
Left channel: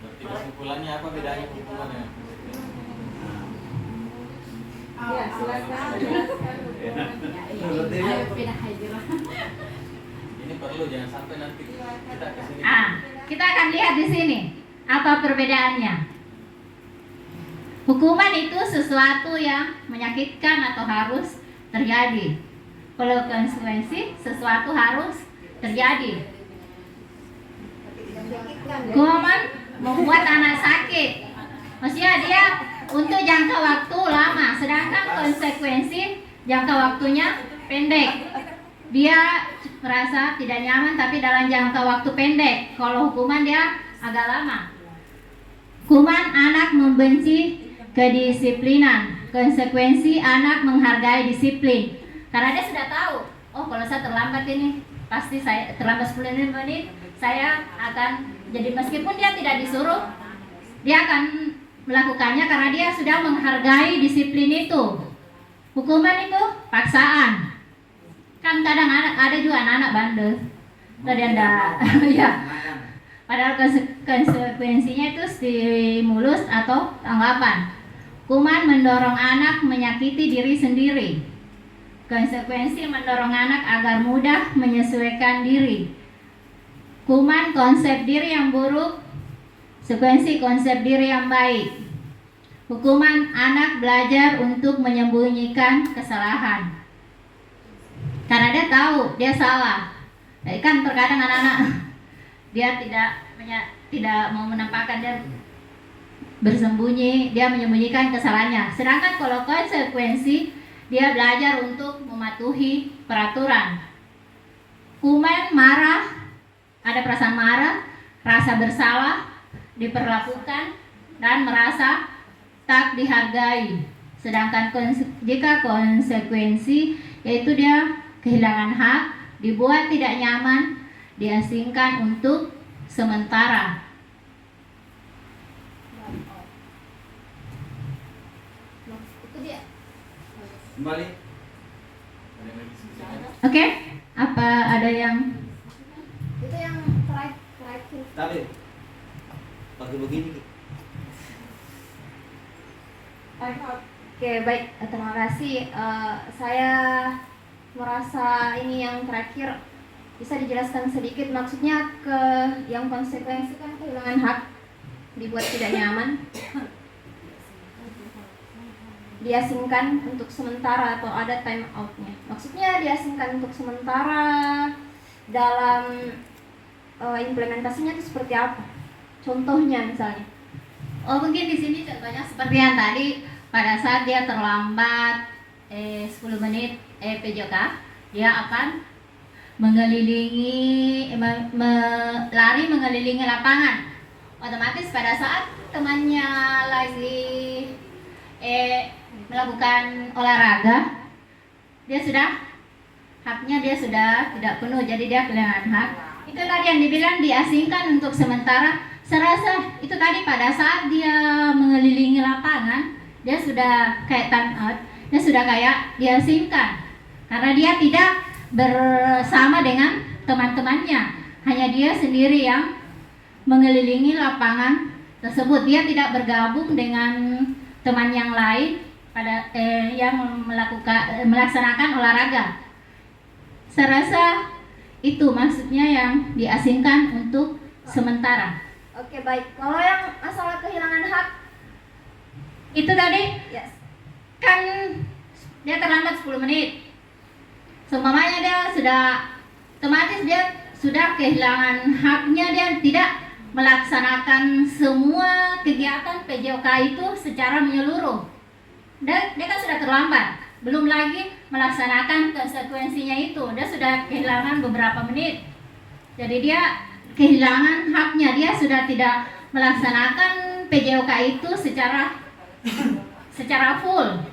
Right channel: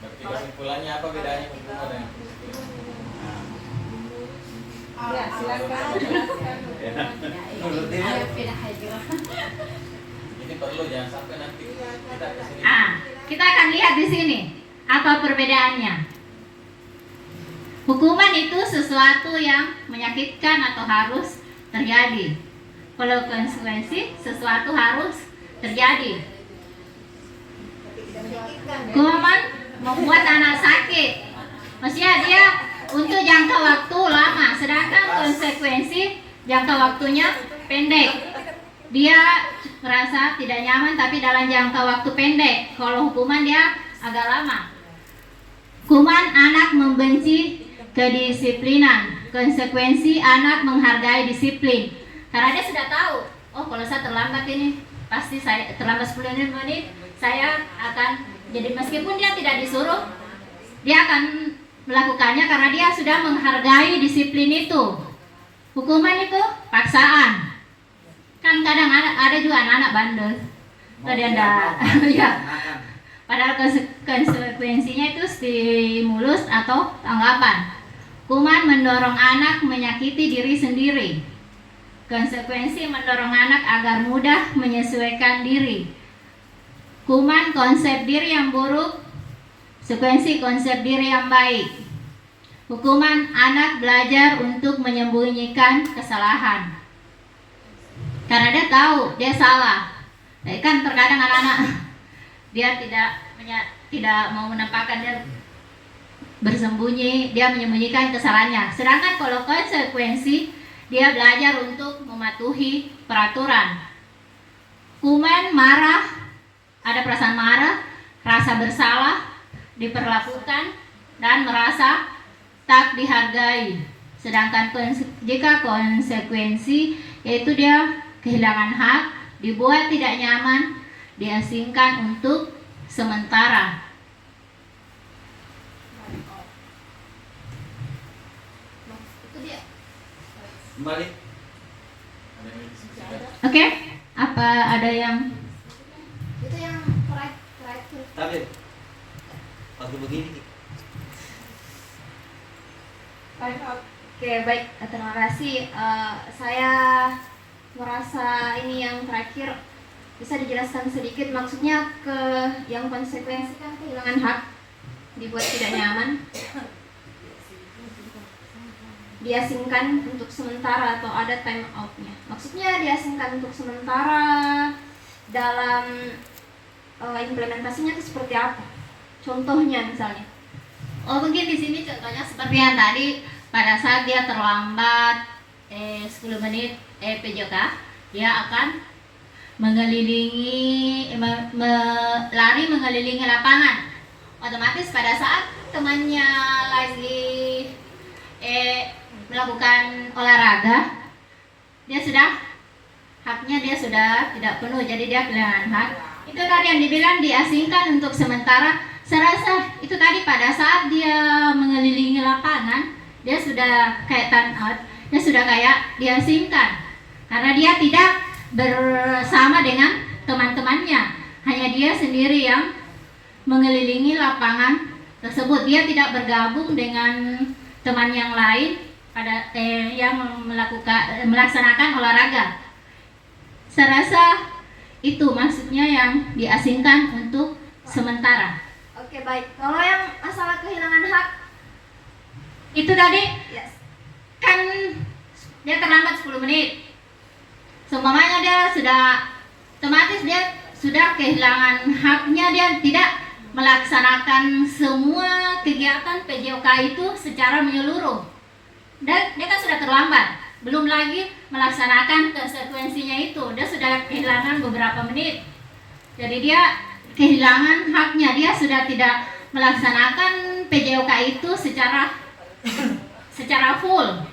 Berarti kesimpulannya apa bedanya hukuman dengan Ya, silakan jelaskan hukumannya. Ayo pindah aja. ini perlu jangan sampai nanti kita kesini. Kita akan lihat di sini apa perbedaannya. Hukuman itu sesuatu yang menyakitkan atau harus terjadi. Kalau konsekuensi sesuatu harus terjadi. Hukuman membuat anak sakit, maksudnya dia untuk jangka waktu lama, sedangkan konsekuensi jangka waktunya pendek. Dia merasa tidak nyaman tapi dalam jangka waktu pendek. Kalau hukuman dia agak lama. Hukuman anak membenci kedisiplinan, konsekuensi anak menghargai disiplin. Karena dia sudah tahu, oh kalau saya terlambat ini, pasti saya terlambat 10 menit, saya akan jadi meskipun dia tidak disuruh, dia akan melakukannya karena dia sudah menghargai disiplin itu. Hukuman itu paksaan. Kan kadang ada juga anak-anak bandel. Ya. Padahal konsekuensinya itu stimulus atau tanggapan. Hukuman mendorong anak menyakiti diri sendiri. Konsekuensi mendorong anak agar mudah menyesuaikan diri. Hukuman konsep diri yang buruk, konsekuensi konsep diri yang baik. Hukuman anak belajar untuk menyembunyikan kesalahan. Karena dia tahu dia salah. Kan terkadang anak-anak dia tidak mau menampakkan, dia bersembunyi, dia menyembunyikan kesalahannya. Sedangkan kalau konsekuensi, dia belajar untuk mematuhi peraturan. Hukuman marah, ada perasaan marah, rasa bersalah, diperlakukan, dan merasa tak dihargai. Sedangkan jika konsekuensi, yaitu dia kehilangan hak, dibuat tidak nyaman, diasingkan untuk sementara. Itu dia. Kembali. Oke, apa ada yang itu yang terakhir? Tapi waktu begini. Oke, baik, terima kasih. Saya merasa ini yang terakhir bisa dijelaskan sedikit, maksudnya ke yang konsekuensi kan kehilangan hak, dibuat tidak nyaman, diasingkan untuk sementara atau ada time out-nya. Maksudnya diasingkan untuk sementara dalam implementasinya itu seperti apa? Contohnya misalnya. Oh mungkin di sini contohnya seperti yang tadi, pada saat dia terlambat 10 menit PJK, dia akan mengelilingi lari mengelilingi lapangan. Otomatis pada saat temannya lagi melakukan olahraga, haknya dia sudah tidak penuh, jadi dia kehilangan hak. Itu tadi yang dibilang diasingkan untuk sementara. Saya rasa itu tadi pada saat dia mengelilingi lapangan, dia sudah kayak time out, dia sudah kayak diasingkan karena dia tidak bersama dengan teman-temannya, hanya dia sendiri yang mengelilingi lapangan tersebut. Dia tidak bergabung dengan teman yang lain pada yang melaksanakan olahraga. Saya rasa itu maksudnya yang diasingkan untuk sementara. Oke, baik. Kalau yang masalah kehilangan hak Itu tadi yes. kan dia terlambat 10 menit. Seumpamanya dia otomatis dia sudah kehilangan haknya, dia tidak melaksanakan semua kegiatan PJOK itu secara menyeluruh. Dan dia kan sudah terlambat, belum lagi melaksanakan konsekuensinya itu, dia sudah kehilangan beberapa menit. Jadi dia kehilangan haknya, dia sudah tidak melaksanakan PJOK itu secara secara full.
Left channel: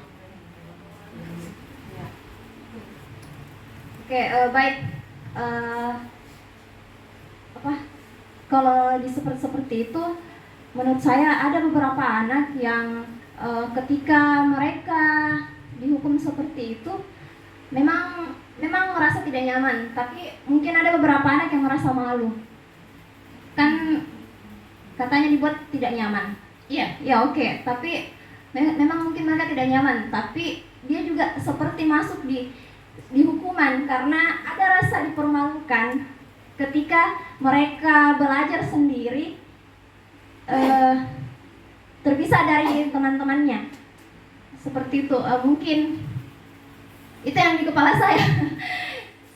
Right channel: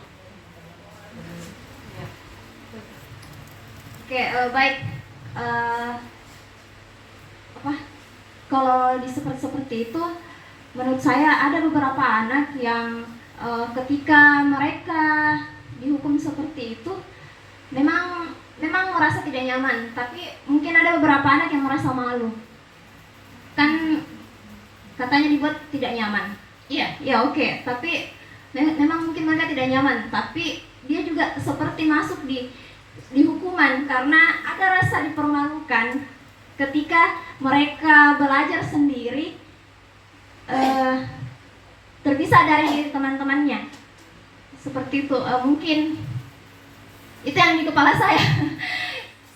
Oke, baik. Apa? Kalau seperti itu, menurut saya ada beberapa anak yang ketika mereka dihukum seperti itu, memang merasa tidak nyaman. Tapi mungkin ada beberapa anak yang merasa malu. Kan katanya dibuat tidak nyaman. Iya. Ya oke, tapi memang mungkin mereka tidak nyaman. Tapi dia juga seperti masuk di hukuman karena ada rasa dipermalukan ketika mereka belajar sendiri, terpisah dari teman-temannya. Seperti itu, mungkin itu yang di kepala saya.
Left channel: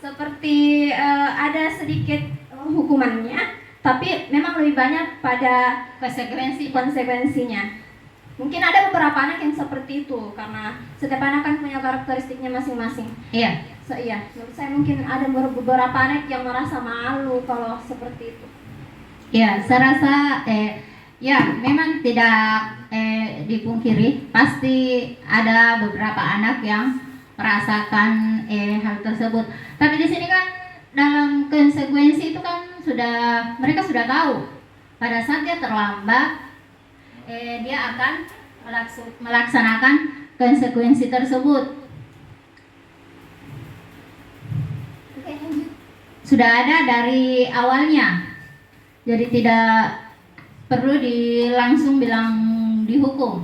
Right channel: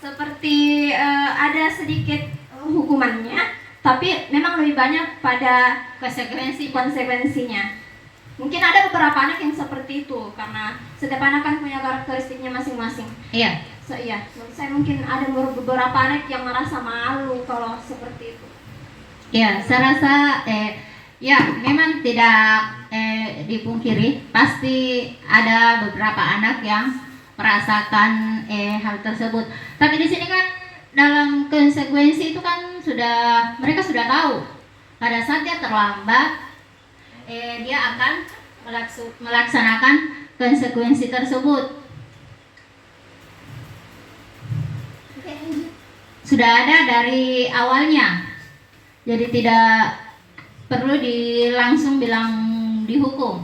Seperti ada sedikit hukumannya, tapi memang lebih banyak pada konsekuensinya. Mungkin ada beberapa anak yang seperti itu karena setiap anak kan punya karakteristiknya masing-masing. Iya. Iya, menurut saya mungkin ada beberapa anak yang merasa malu kalau seperti itu. Ya, saya rasa ya memang tidak dipungkiri, pasti ada beberapa anak yang merasakan hal tersebut. Tapi di sini kan dalam konsekuensi itu kan mereka sudah tahu pada saat dia terlambat, dia akan melaksanakan konsekuensi tersebut. Sudah ada dari awalnya, jadi tidak perlu langsung bilang dihukum.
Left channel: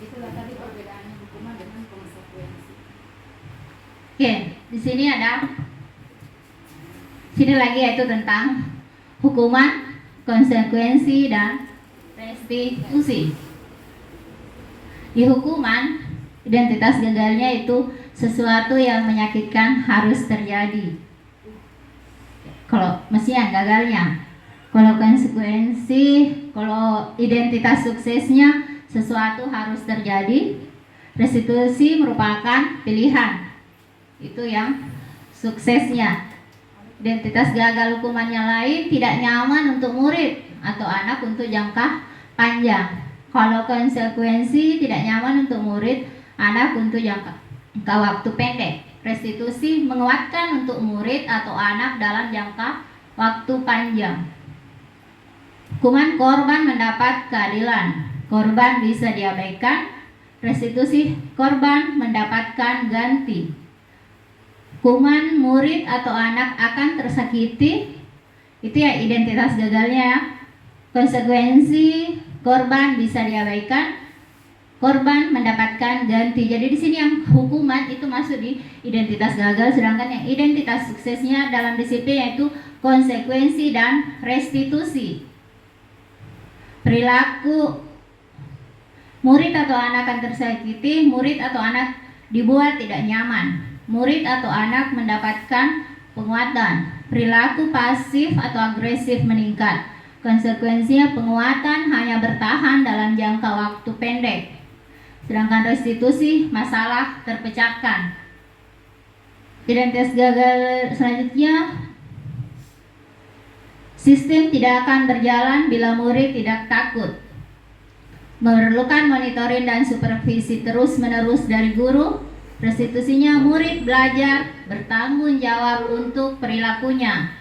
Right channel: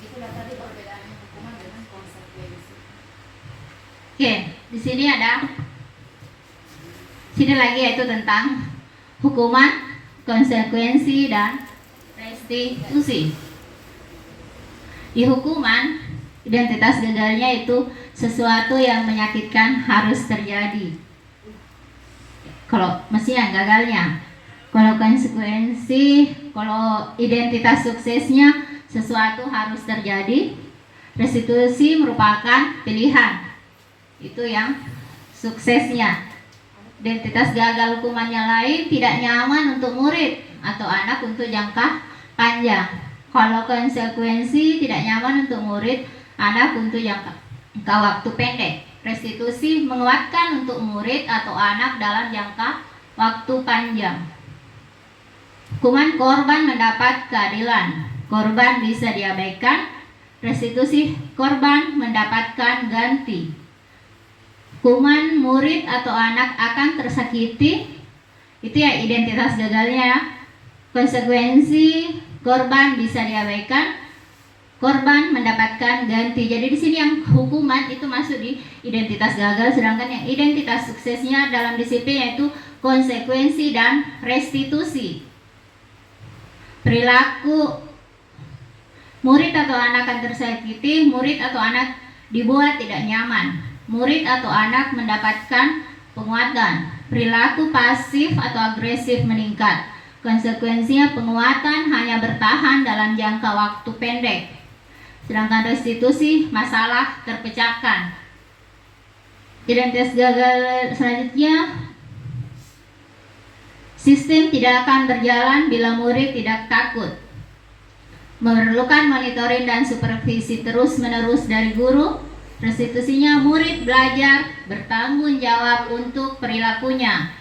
Itulah tadi perbedaannya hukuman dengan konsekuensi. Oke, di sini lagi yaitu tentang hukuman, konsekuensi, dan restitusi. Di hukuman, identitas gagalnya itu sesuatu yang menyakitkan harus terjadi. Kalau mestinya gagalnya. Kalau konsekuensi, kalau identitas suksesnya sesuatu harus terjadi. Restitusi merupakan pilihan. Itu yang suksesnya. Identitas gagal hukumannya lain, tidak nyaman untuk murid atau anak untuk jangka panjang. Kalau konsekuensi tidak nyaman untuk murid, anak untuk jangka waktu pendek. Restitusi menguatkan untuk murid atau anak dalam jangka waktu panjang. Hukuman korban mendapat keadilan. Korban bisa diabaikan. Restitusi korban mendapatkan ganti. Hukuman murid atau anak akan tersakiti. Itu ya identitas gagalnya. Konsekuensi korban bisa diabaikan. Korban mendapatkan ganti. Jadi di sini yang hukuman itu masuk di identitas gagal, sedangkan yang identitas suksesnya dalam disiplin yaitu konsekuensi dan restitusi. Perilaku murid atau anak akan tersakiti, murid atau anak dibuat tidak nyaman. Murid atau anak mendapatkan penguatan. Perilaku pasif atau agresif meningkat. Konsekuensinya penguatan hanya bertahan dalam jangka waktu pendek. Sedangkan restitusi masalah terpecahkan. Identitas gagal selanjutnya, sistem tidak akan berjalan bila murid tidak takut. Memerlukan monitoring dan supervisi terus-menerus dari guru. Restitusinya murid belajar bertanggung jawab untuk perilakunya.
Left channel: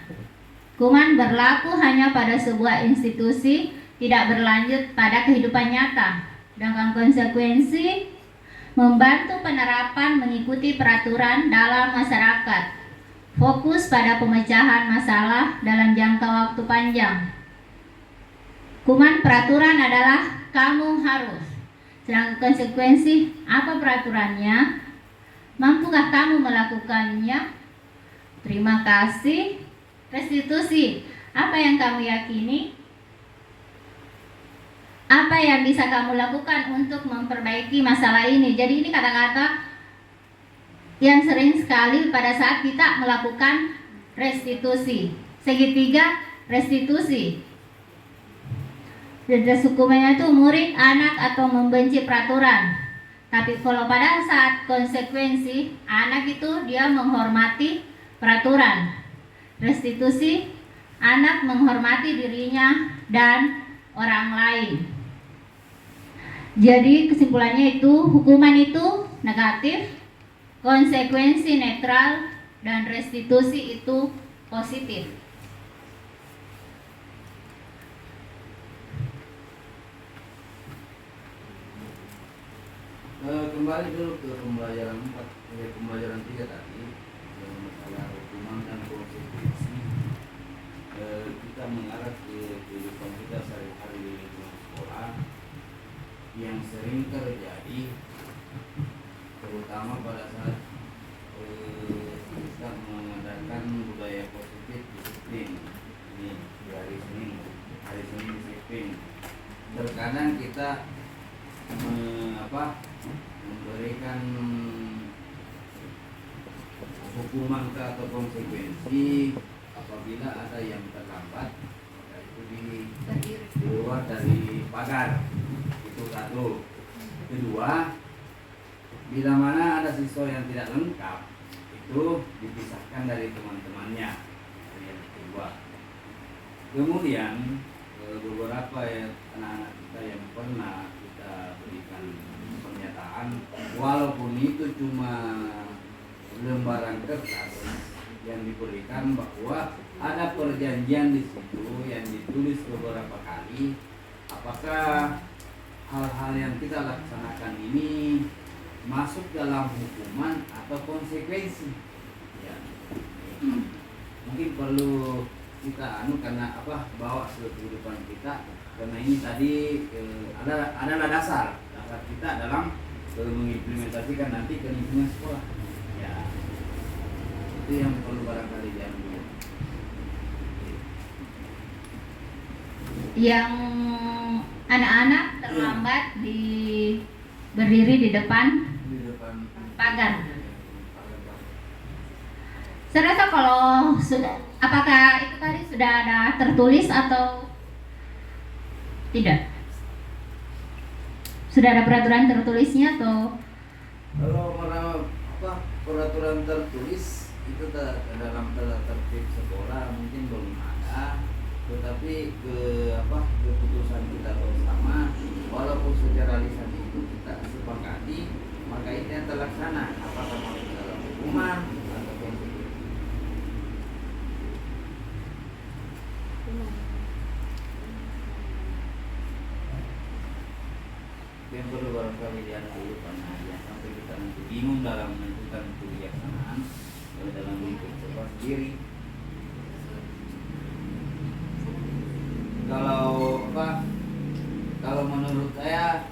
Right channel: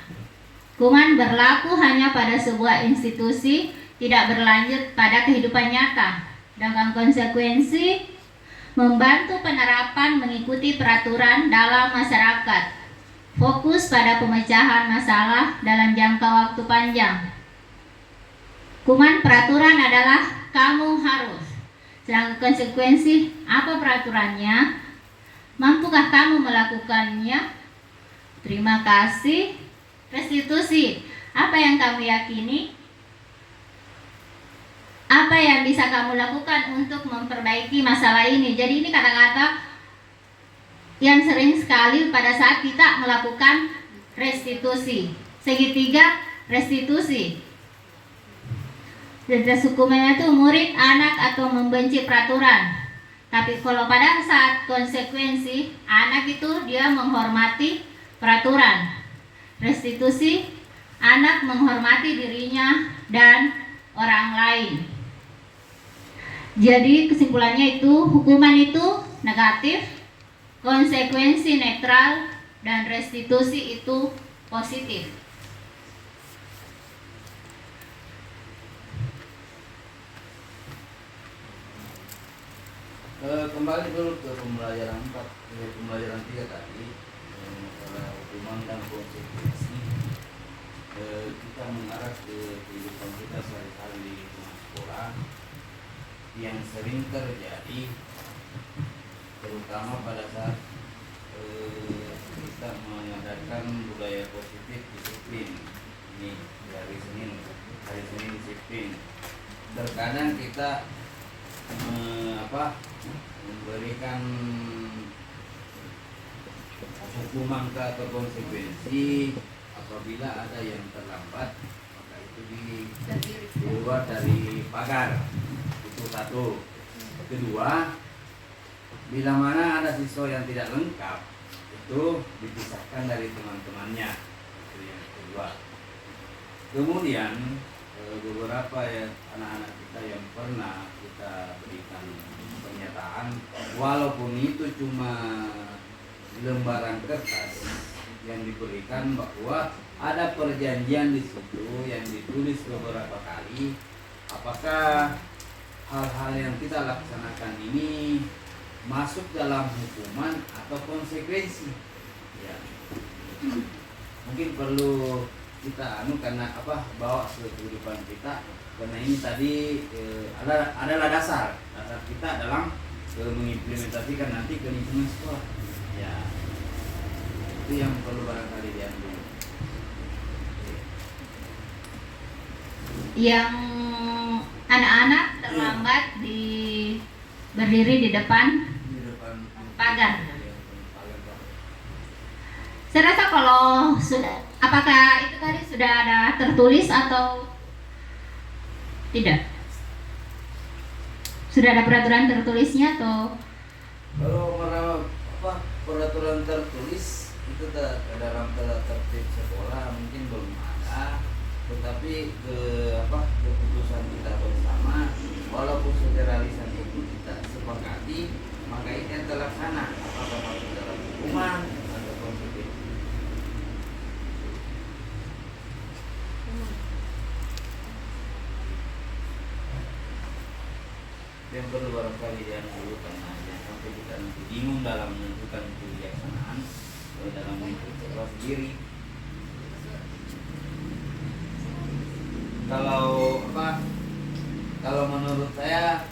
Hukuman berlaku hanya pada sebuah institusi, tidak berlanjut pada kehidupan nyata. Sedangkan konsekuensi membantu penerapan mengikuti peraturan dalam masyarakat. Fokus pada pemecahan masalah dalam jangka waktu panjang. Hukuman peraturan adalah kamu harus. Sedangkan konsekuensi apa peraturannya? Mampukah kamu melakukannya? Terima kasih. Restitusi apa yang kamu yakini? Apa yang bisa kamu lakukan untuk memperbaiki masalah ini? Jadi ini kata-kata yang sering sekali pada saat kita melakukan restitusi. Segitiga restitusi. Jelas hukumnya itu murid, anak, atau membenci peraturan. Tapi kalau pada saat konsekuensi, anak itu dia menghormati peraturan. Restitusi, anak menghormati dirinya dan orang lain. Jadi kesimpulannya itu hukuman itu negatif, konsekuensi netral, dan restitusi itu positif. Kembali dulu ke pembelajaran 4, pembelajaran 3 tadi, masalah hukuman dan konsekuensi. Kita mengarah ke kehidupan kita sehari-hari di sekolah yang sering terjadi, terutama pada saat kita mengadakan budaya positif disiplin. Ini di hari Senin disiplin. Terkadang kita memberikan hukuman atau konsekuensi apabila ada yang terlambat, maka itu di luar dari pagar. Itu satu. Kedua, bila mana ada siswa yang tidak lengkap, itu dipisahkan dari teman-temannya. Itu yang kedua. Kemudian beberapa anak-anak kita yang pernah kita berikan pernyataan, walaupun itu cuma lembaran kertas yang diberikan, bahwa ada perjanjian di situ yang ditulis beberapa kali, apakah hal-hal yang kita laksanakan ini masuk dalam hukuman atau konsekuensi. Ya. Mungkin perlu kita karena bawa ke kehidupan kita, karena ini tadi adalah dasar kita dalam mengimplementasikan nanti ke lingkungan sekolah. Ya, itu yang perlu barangkali diambil. Yang anak-anak terlambat berdiri di depan pagar. Saya rasa kalau apakah itu tadi sudah ada tertulis atau tidak? Sudah ada peraturan tertulisnya atau? Kalau peraturan tertulis itu dalam tata tertib sekolah mungkin belum ada, tetapi keputusan kita bersama, walaupun secara lisan itu kita sepakati, maka itu yang terlaksana, apakah masuk dalam hukuman atau konsekuensi. Yang perlu barangkali dulu, karena sampai kita nanti bingung dalam menentukan kebijaksanaan dalam lingkup sekolah sendiri. Kalau menurut saya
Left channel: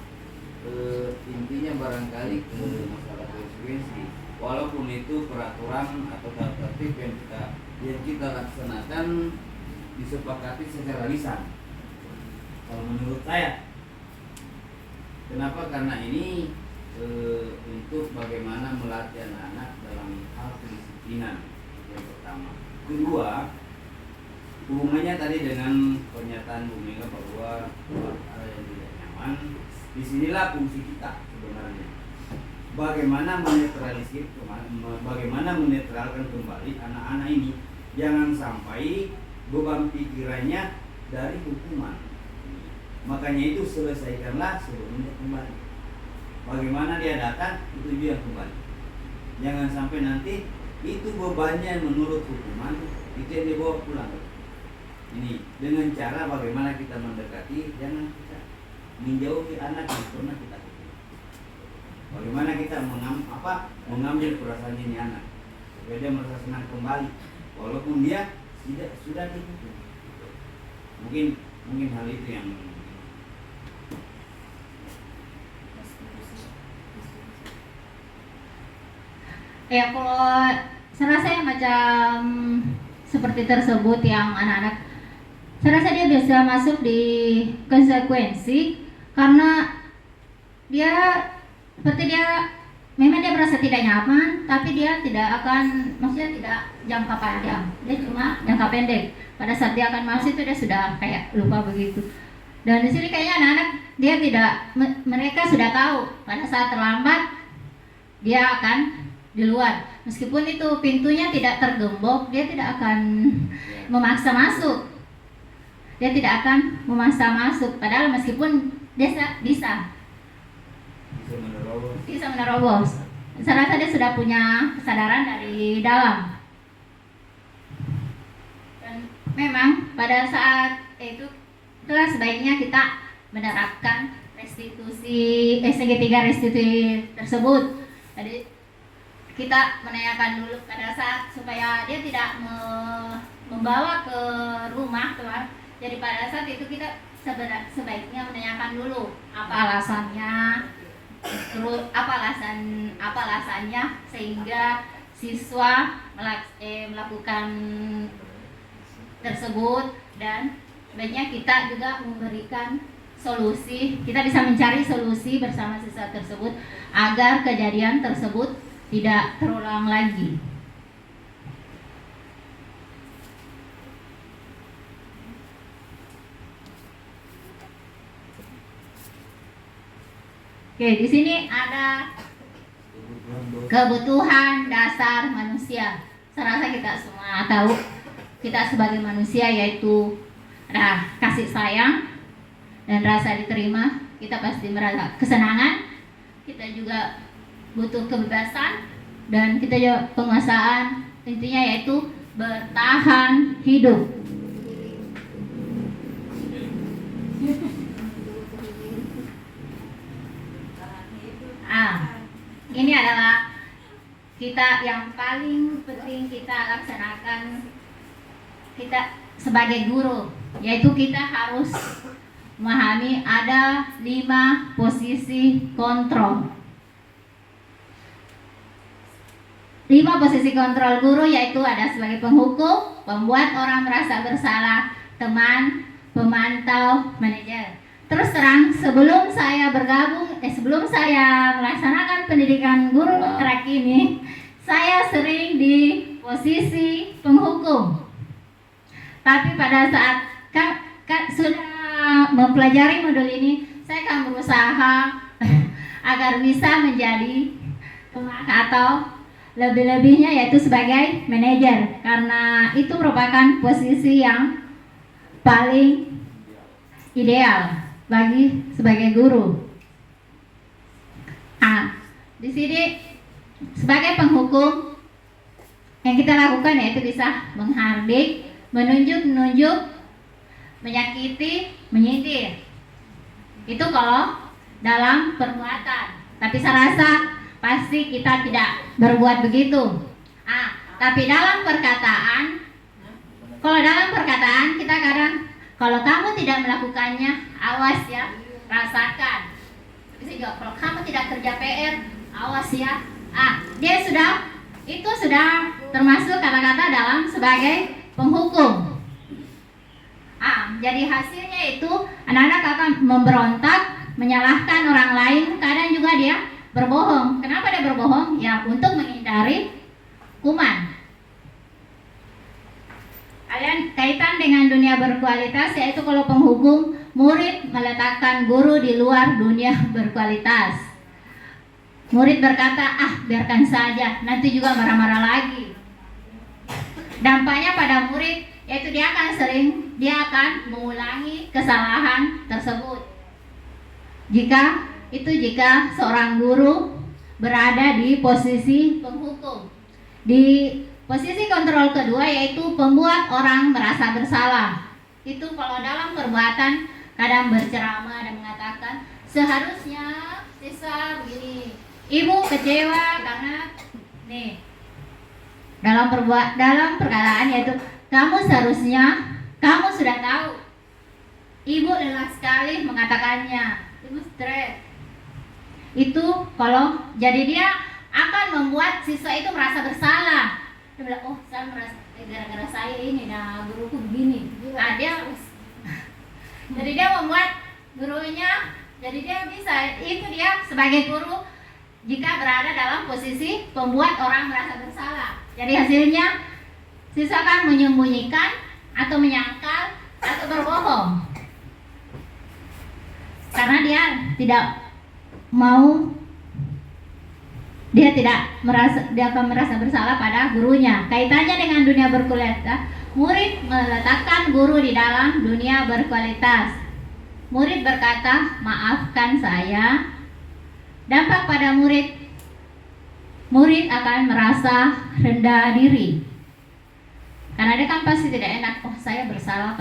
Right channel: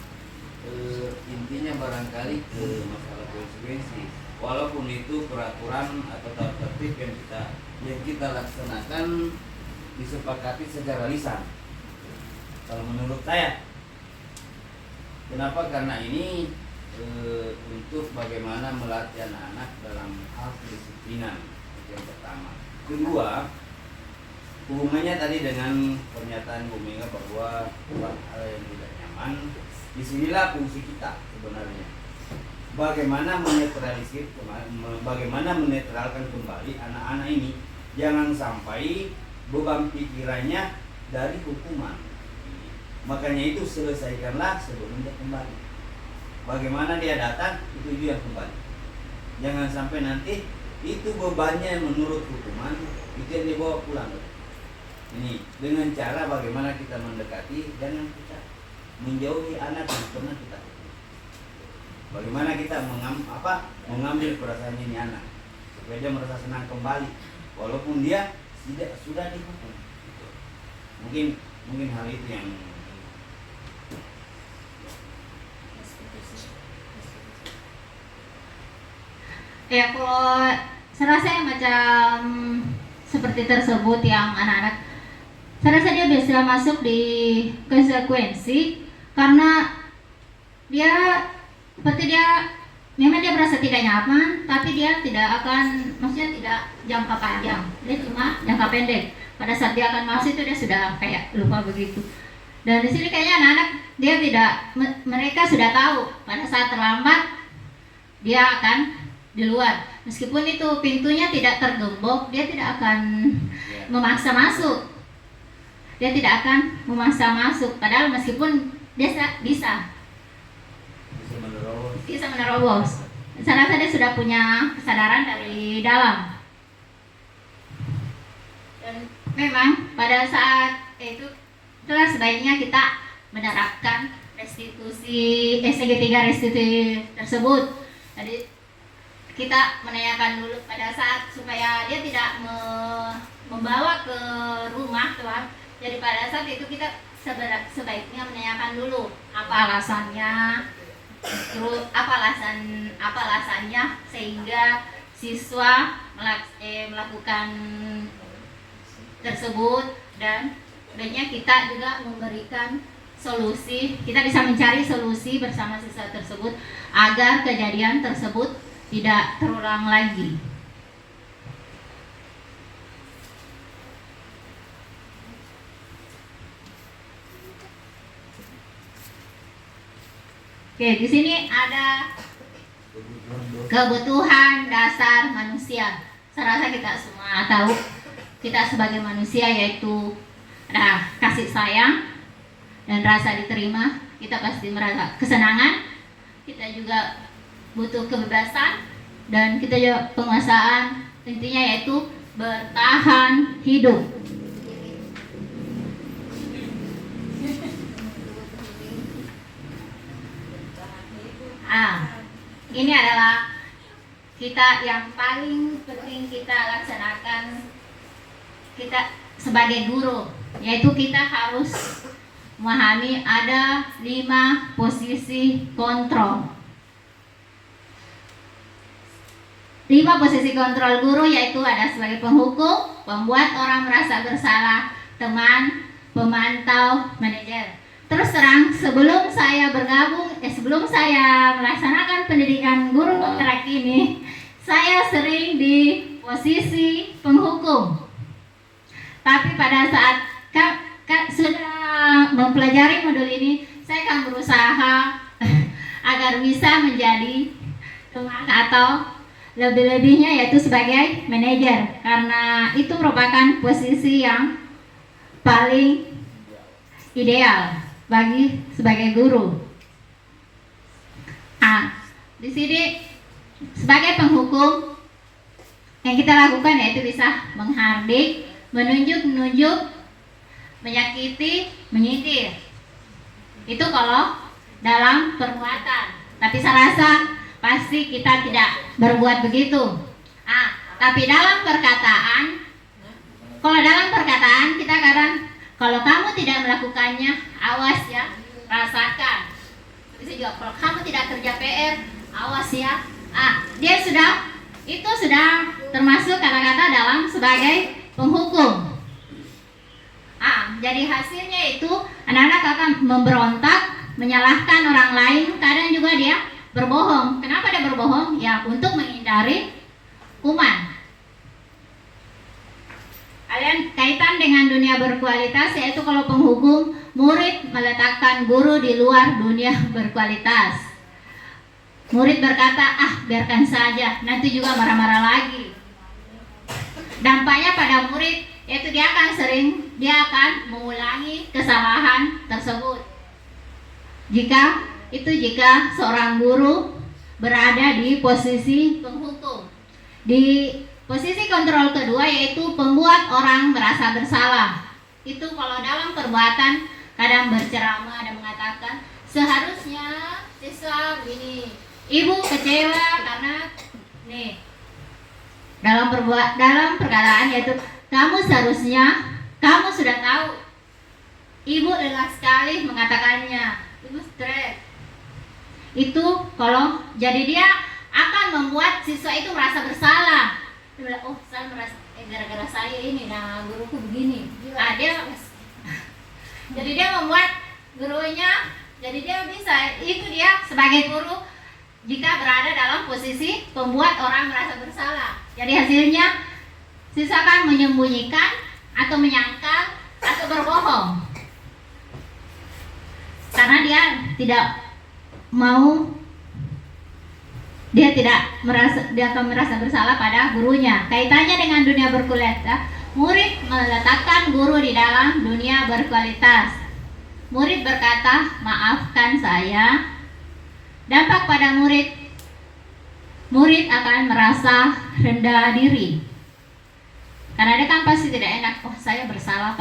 intinya barangkali ke masalah konsekuensi, walaupun itu peraturan atau tata tertib yang kita laksanakan disepakati secara lisan. Kalau menurut saya, kenapa? Karena ini untuk bagaimana melatih anak-anak dalam hal kedisiplinan, yang pertama. Kedua, hubungannya tadi dengan pernyataan Bu Mega bahwa hal yang tidak nyaman, disinilah fungsi kita sebenarnya. Bagaimana menetralisir, bagaimana menetralkan kembali anak-anak ini, jangan sampai beban pikirannya dari hukuman. Makanya itu selesaikanlah sebelum dia kembali. Bagaimana dia datang, itu dia kembali. Jangan sampai nanti itu bebannya menurut hukuman, itu yang dibawa pulang. Ini dengan cara bagaimana kita mendekati, jangan kita menjauhi anak yang pernah kita hukum. Bagaimana kita mengambil perasaan ini anak, supaya dia merasa senang kembali, walaupun dia sudah dihukum. Mungkin hal itu yang ya, kalau saya rasa yang macam seperti tersebut yang anak-anak, saya rasa dia bisa masuk di konsekuensi karena dia seperti memang dia merasa tidak nyaman, tapi dia tidak akan, maksudnya tidak jangka panjang, dia cuma jangka pendek. Pada saat dia akan masuk itu dia sudah kayak lupa begitu. Dan di sini kayaknya anak-anak dia mereka sudah tahu pada saat terlambat dia akan di luar, meskipun itu pintunya tidak tergembok, dia tidak akan memaksa masuk. Dia tidak akan memaksa masuk, padahal meskipun dia bisa. menerobos. Bisa menerobos. Saya rasa dia sudah punya kesadaran dari dalam. Dan memang pada saat itu itulah sebaiknya kita menerapkan restitusi STG 3 restitusi tersebut. Jadi kita menanyakan dulu pada saat supaya dia tidak membawa ke rumah, teman. Jadi pada saat itu kita sebaiknya menanyakan dulu apa alasannya, terus apa alasannya sehingga siswa melakukan tersebut, dan sebaiknya kita juga memberikan solusi. Kita bisa mencari solusi bersama siswa tersebut agar kejadian tersebut tidak terulang lagi. Oke, di sini ada kebutuhan dasar manusia. Saya rasa kita semua tahu, kita sebagai manusia yaitu ada kasih sayang dan rasa diterima. Kita pasti merasa kesenangan. Kita juga butuh kebebasan dan kita juga penguasaan. Intinya yaitu bertahan hidup. Ini adalah kita yang paling penting kita laksanakan kita sebagai guru, yaitu kita harus memahami ada 5 posisi kontrol. 5 posisi kontrol guru yaitu ada sebagai penghukum, pembuat orang merasa bersalah, teman, pemantau, manajer. Terus terang, sebelum saya melaksanakan pendidikan guru kontrak ini, saya sering di posisi penghukum. Tapi pada saat sudah mempelajari modul ini, saya akan berusaha agar bisa menjadi teman atau lebih-lebihnya yaitu sebagai manajer, karena itu merupakan posisi yang paling ideal bagi sebagai guru. Di sini sebagai penghukum yang kita lakukan yaitu bisa menghardik, menunjuk, menyakiti, menyindir. Itu kalau dalam perbuatan. Tapi saya rasa pasti kita tidak berbuat begitu. Tapi dalam perkataan, kalau dalam perkataan kita kadang, kalau kamu tidak melakukannya, awas ya, rasakan. Itu juga kalau kamu tidak kerja PR, awas ya. Dia itu sudah termasuk kata-kata dalam sebagai penghukum. Jadi hasilnya itu anak-anak akan memberontak, menyalahkan orang lain, kadang juga dia berbohong. Kenapa dia berbohong? Ya untuk menghindari hukuman. Kalian kaitan dengan dunia berkualitas, yaitu kalau penghukum, murid meletakkan guru di luar dunia berkualitas. Murid berkata, biarkan saja, nanti juga marah-marah lagi. Dampaknya pada murid, yaitu dia akan mengulangi kesalahan tersebut. Jika seorang guru berada di posisi penghukum. Di posisi kontrol kedua yaitu pembuat orang merasa bersalah. Itu kalau dalam perbuatan kadang berceramah dan mengatakan seharusnya siswa begini, ibu kecewa karena dalam perkataan yaitu kamu sudah tahu, ibu lelah sekali mengatakannya, ibu stres. Itu kalau jadi dia akan membuat siswa itu merasa bersalah. Dia bilang, saya merasa gara-gara saya ini, guruku begini. Jadi dia membuat gurunya, jadi dia bisa, itu dia sebagai guru jika berada dalam posisi pembuat orang merasa bersalah. Jadi hasilnya siswa akan menyembunyikan atau menyangkal atau berbohong karena dia akan merasa bersalah pada gurunya. Kaitannya dengan dunia berkualitas, murid meletakkan guru di dalam dunia berkualitas. Murid berkata, maafkan saya, Dampak pada murid, murid akan merasa rendah diri. Karena dia kan pasti tidak enak, oh saya bersalah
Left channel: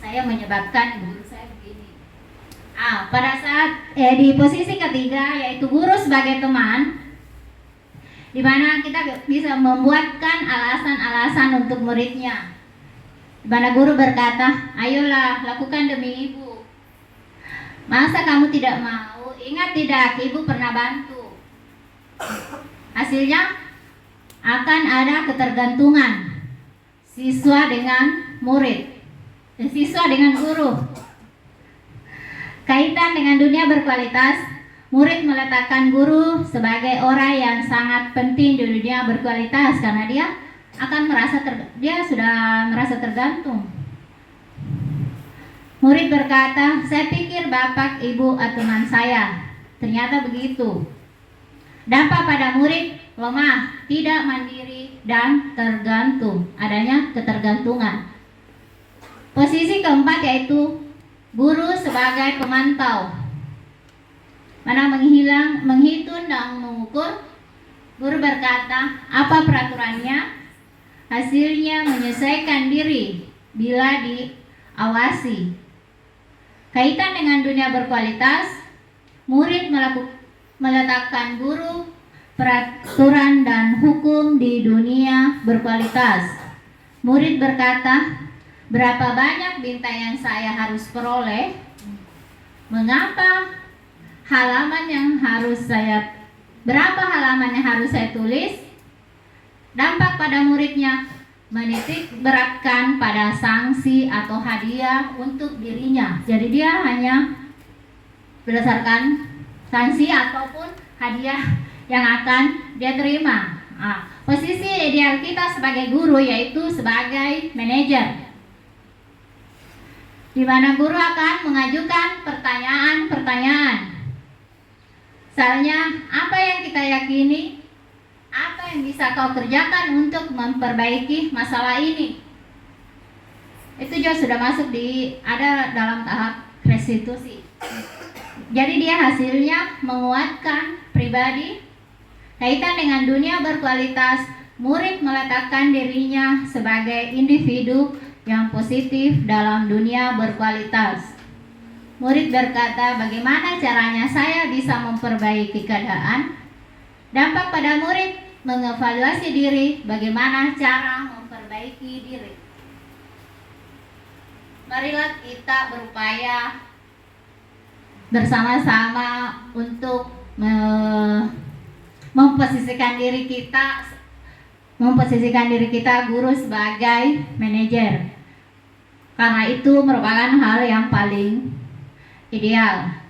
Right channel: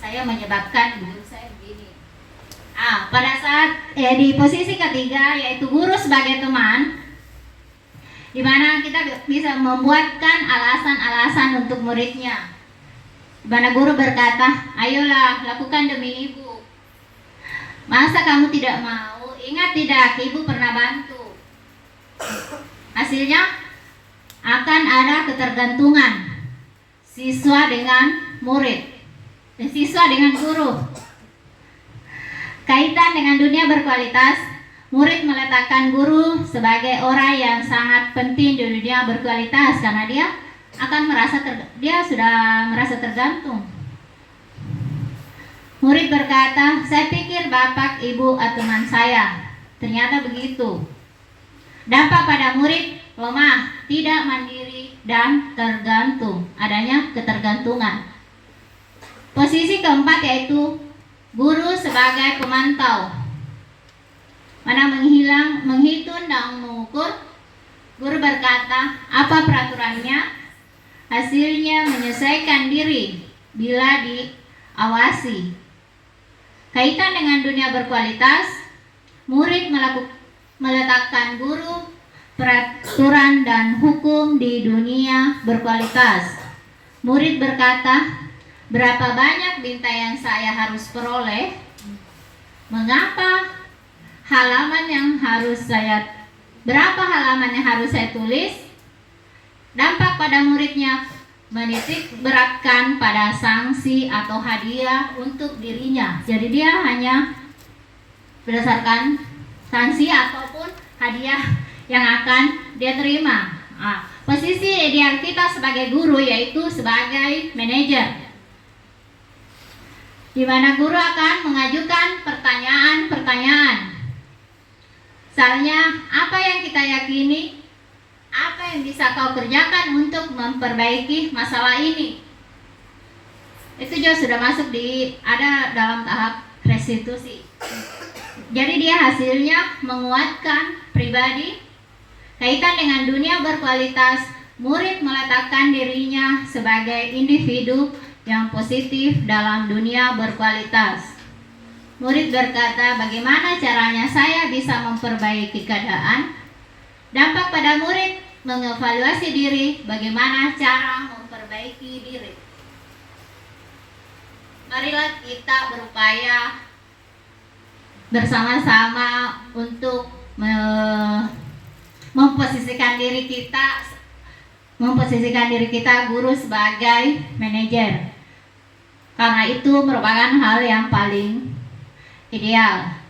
saya menyebabkan guru saya begini. Pada saat di posisi ketiga yaitu guru sebagai teman, di mana kita bisa membuatkan alasan-alasan untuk muridnya. Di mana guru berkata, ayolah lakukan demi ibu. Masa kamu tidak mau? Ingat tidak, ibu pernah bantu. Hasilnya akan ada ketergantungan siswa dengan murid dan siswa dengan guru. Kaitan dengan dunia berkualitas, murid meletakkan guru sebagai orang yang sangat penting di dunia berkualitas karena dia akan dia sudah merasa tergantung. Murid berkata, saya pikir bapak, ibu, atau teman saya. Ternyata begitu. Dampak pada murid lemah, tidak mandiri, dan tergantung. Adanya ketergantungan. Posisi keempat yaitu guru sebagai pemantau. Mana menghitung dan mengukur. Guru berkata, apa peraturannya? Hasilnya menyesuaikan diri bila diawasi. Kaitan dengan dunia berkualitas, murid meletakkan guru, peraturan dan hukum di dunia berkualitas. Murid berkata, berapa banyak bintang yang saya harus peroleh? Mengapa? Berapa halaman yang harus saya tulis? Dampak pada muridnya menitik beratkan pada sanksi atau hadiah untuk dirinya. Jadi dia hanya berdasarkan sanksi ataupun hadiah yang akan dia terima. Posisi ideal kita sebagai guru yaitu sebagai manajer, di mana guru akan mengajukan pertanyaan-pertanyaan. Misalnya, apa yang kita yakini? Apa yang bisa kau kerjakan untuk memperbaiki masalah ini? Itu juga sudah masuk ada dalam tahap restitusi. Jadi dia hasilnya menguatkan pribadi. Kaitan dengan dunia berkualitas, murid meletakkan dirinya sebagai individu yang positif dalam dunia berkualitas. Murid berkata, bagaimana caranya saya bisa memperbaiki keadaan? Dampak pada murid mengevaluasi diri, bagaimana cara memperbaiki diri. Marilah kita berupaya bersama-sama untuk memposisikan diri kita guru sebagai manajer. Karena itu merupakan hal yang paling ideal.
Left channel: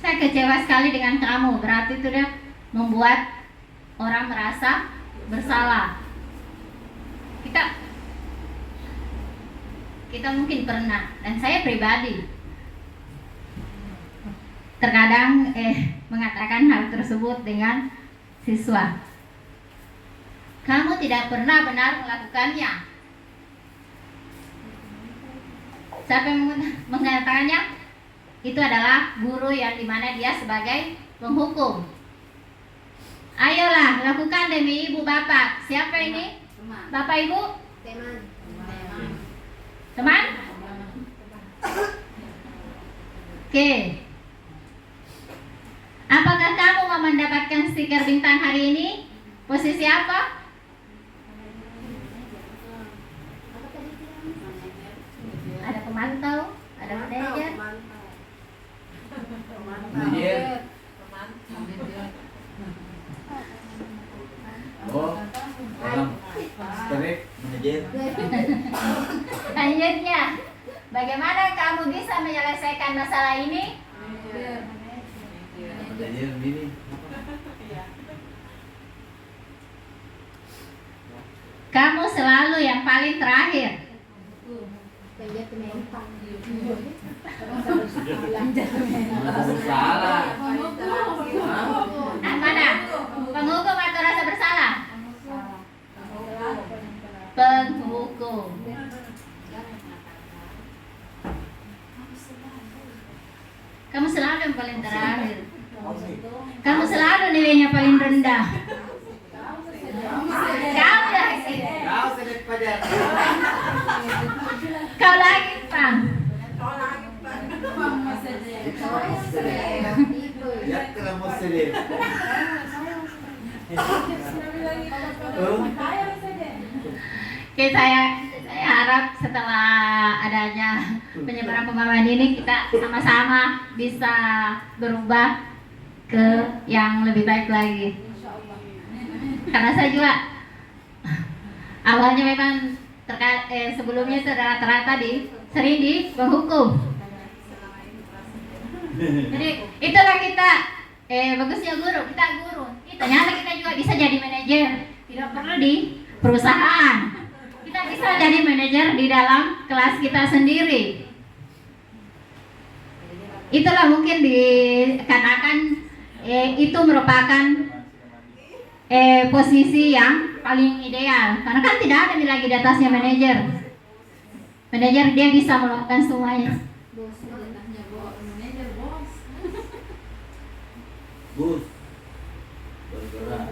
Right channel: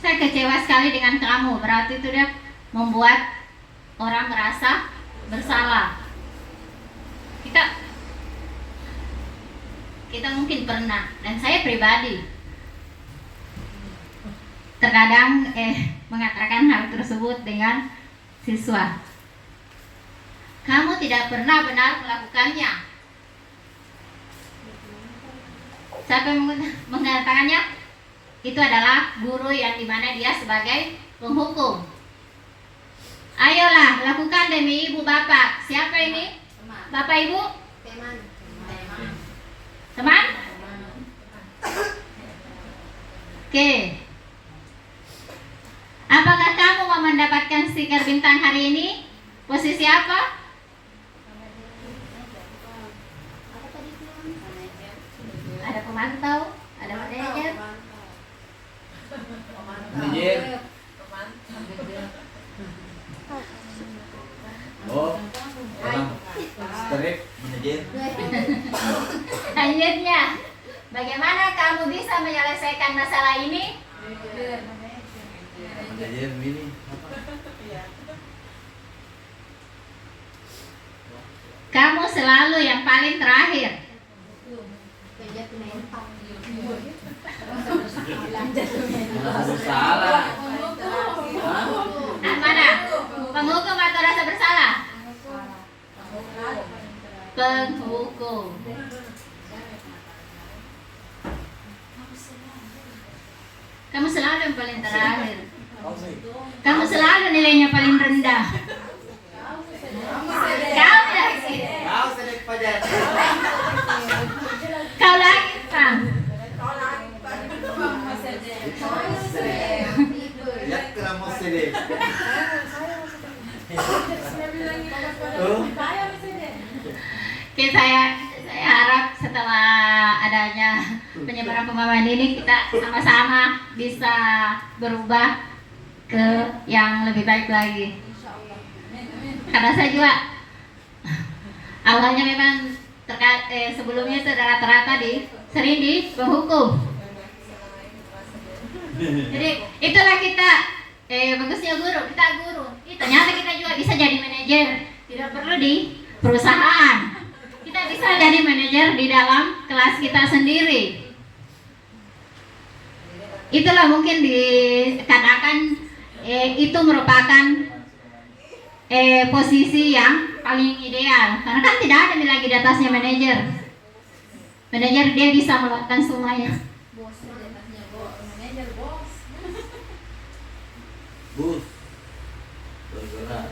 Saya kecewa sekali dengan kamu, berarti itu dia membuat orang merasa bersalah. Kita mungkin pernah, dan saya pribadi terkadang mengatakan hal tersebut dengan siswa. Kamu tidak pernah benar melakukannya. Siapa yang mengatakannya? Itu adalah guru yang dimana dia sebagai penghukum. Ayolah, lakukan demi ibu bapak. Siapa ini? Bapak ibu? Teman? Oke. Apakah kamu mau mendapatkan stiker bintang hari ini? Posisi apa? Ada pemantau, ada manajer. Manajer. Oh, orang strip manajer. Lanjutnya, bagaimana kamu bisa menyelesaikan masalah ini? Manajer ini. Kamu selalu yang paling terakhir. Penjat mental. Merasa bersalah. Nah, mana? Penghukum atau rasa bersalah? Penghukum. Kamu selalu yang paling terakhir. Kamu selalu nilainya paling rendah. Kau lagi. Kau sedek pada. Kau lagi, Bang. Ya kena mau sedek. Oke, saya harap setelah adanya penyebaran pemahaman ini kita sama-sama bisa berubah ke yang lebih baik lagi. Karena saya juga awalnya memang sebelumnya itu rata-rata sering di penghukum. Jadi itulah kita bagusnya guru, kita guru. Ternyata kita juga bisa jadi manajer, tidak perlu di perusahaan. Kita bisa jadi manajer di dalam kelas kita sendiri. Itulah mungkin dikatakan itu merupakan posisi yang paling ideal. Karena kan tidak ada lagi di atasnya manajer. Manajer dia bisa melakukan semuanya. Bus. Bergerak.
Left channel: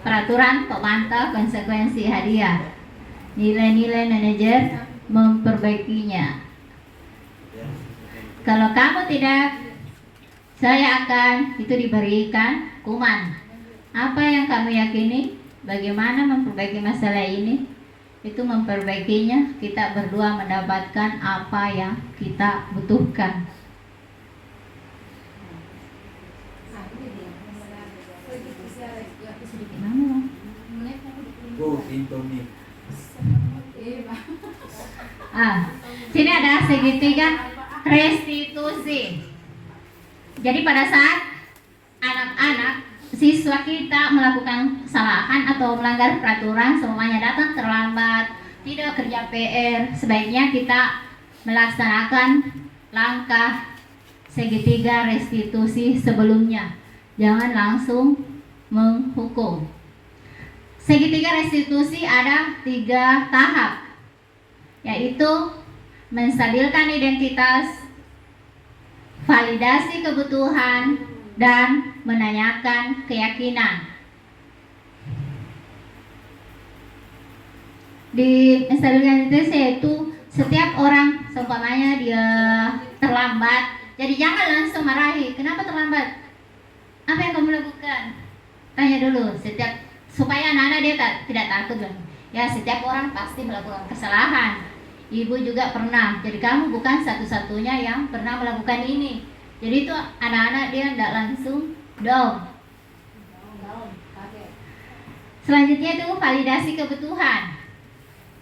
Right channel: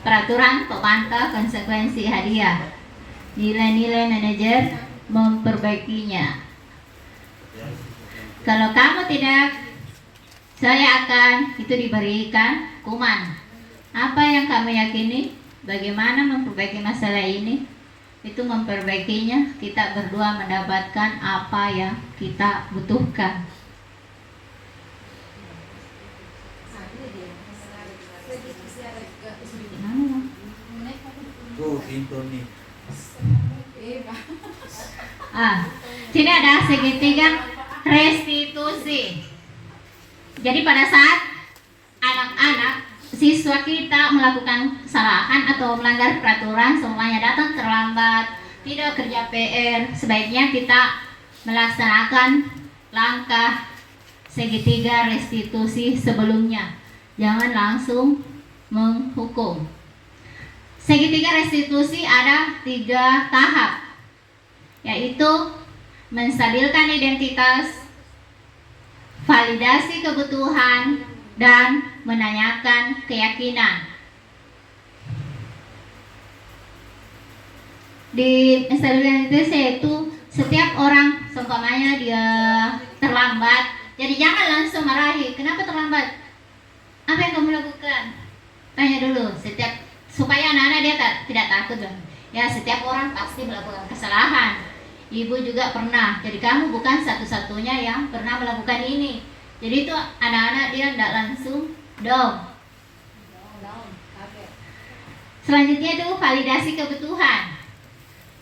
Peraturan pemantau konsekuensi hadiah. Nilai-nilai manajer memperbaikinya. Kalau kamu tidak, saya akan itu diberikan hukuman. Apa yang kamu yakini? Bagaimana memperbaiki masalah ini? Itu memperbaikinya, kita berdua mendapatkan apa yang kita butuhkan. Pintu nih. Sini ada segitiga restitusi. Jadi pada saat anak-anak siswa kita melakukan kesalahan atau melanggar peraturan, semuanya datang terlambat, tidak kerja PR, sebaiknya kita melaksanakan langkah segitiga restitusi sebelumnya. Jangan langsung menghukum. Segitiga restitusi ada 3 tahap, yaitu menstabilkan identitas, validasi kebutuhan, dan menanyakan keyakinan. Di menstabilkan identitas yaitu setiap orang seumpamanya dia terlambat, jadi jangan langsung marahi. Kenapa terlambat? Apa yang kamu lakukan? Tanya dulu supaya anak-anak dia tidak takut. Ya, setiap orang pasti melakukan kesalahan. Ibu juga pernah. Jadi kamu bukan satu-satunya yang pernah melakukan ini. Jadi itu anak-anak dia tidak langsung down. Selanjutnya itu validasi kebutuhan.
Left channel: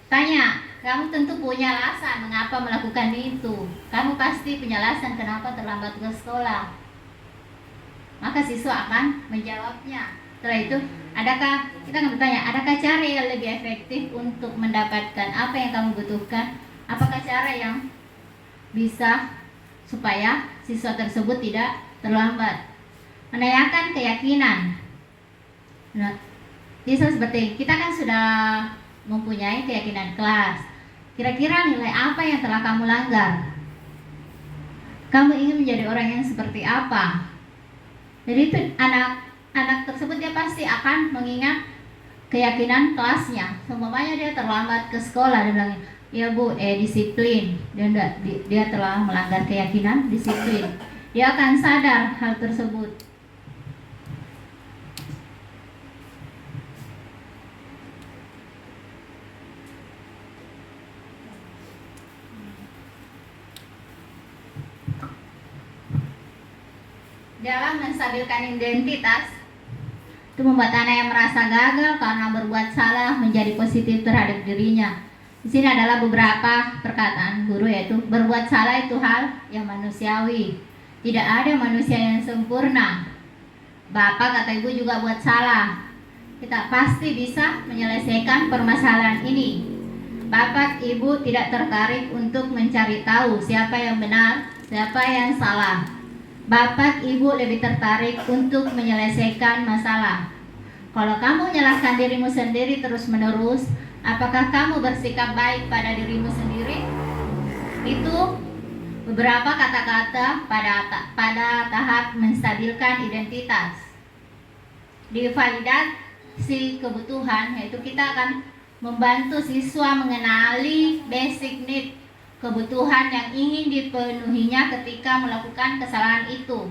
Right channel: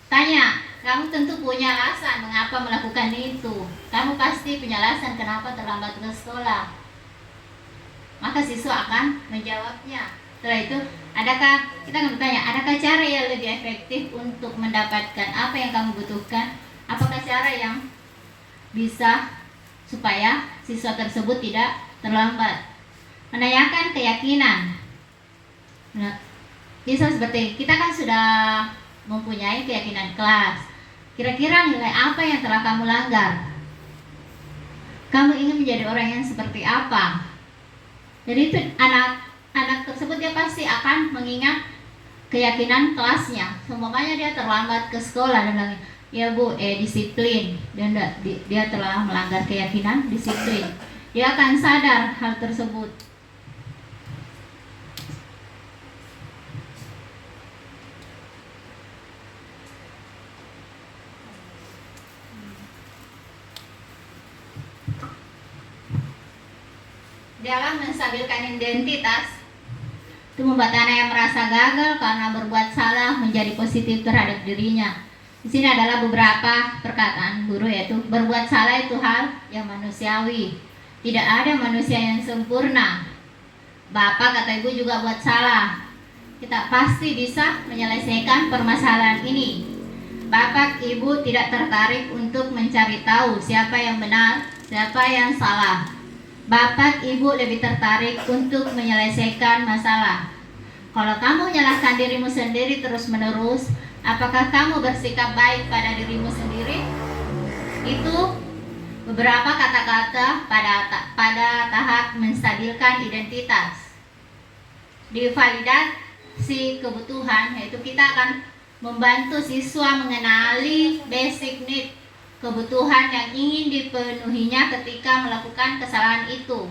Tanya, kamu tentu punya alasan mengapa melakukan itu. Kamu pasti punya alasan kenapa terlambat ke sekolah. Maka siswa akan menjawabnya. Setelah itu, kita akan bertanya, adakah cara yang lebih efektif untuk mendapatkan apa yang kamu butuhkan? Apakah cara yang bisa supaya siswa tersebut tidak terlambat? Menanyakan keyakinan. Nah, bisa seperti kita kan sudah mempunyai keyakinan kelas. Kira-kira nilai apa yang telah kamu langgar? Kamu ingin menjadi orang yang seperti apa? Jadi itu anak tersebut dia pasti akan mengingat keyakinan kelasnya. Seumpamanya dia terlambat ke sekolah, dia bilang, ya Bu, disiplin. Dia telah melanggar keyakinan disiplin. Dia akan sadar hal tersebut. Dalam menstabilkan identitas, itu membuat anak yang merasa gagal karena berbuat salah menjadi positif terhadap dirinya. Di sini adalah beberapa perkataan guru, yaitu berbuat salah itu hal yang manusiawi. Tidak ada manusia yang sempurna. Bapak kata ibu juga buat salah. Kita pasti bisa menyelesaikan permasalahan ini. Bapak Ibu tidak tertarik untuk mencari tahu siapa yang benar, siapa yang salah. Bapak Ibu lebih tertarik untuk menyelesaikan masalah. Kalau kamu menyalahkan dirimu sendiri terus-menerus, apakah kamu bersikap baik pada dirimu sendiri? Itu beberapa kata-kata pada tahap menstabilkan identitas. Di validasi kebutuhan, yaitu kita akan membantu siswa mengenali basic need, kebutuhan yang ingin dipenuhinya ketika melakukan kesalahan itu.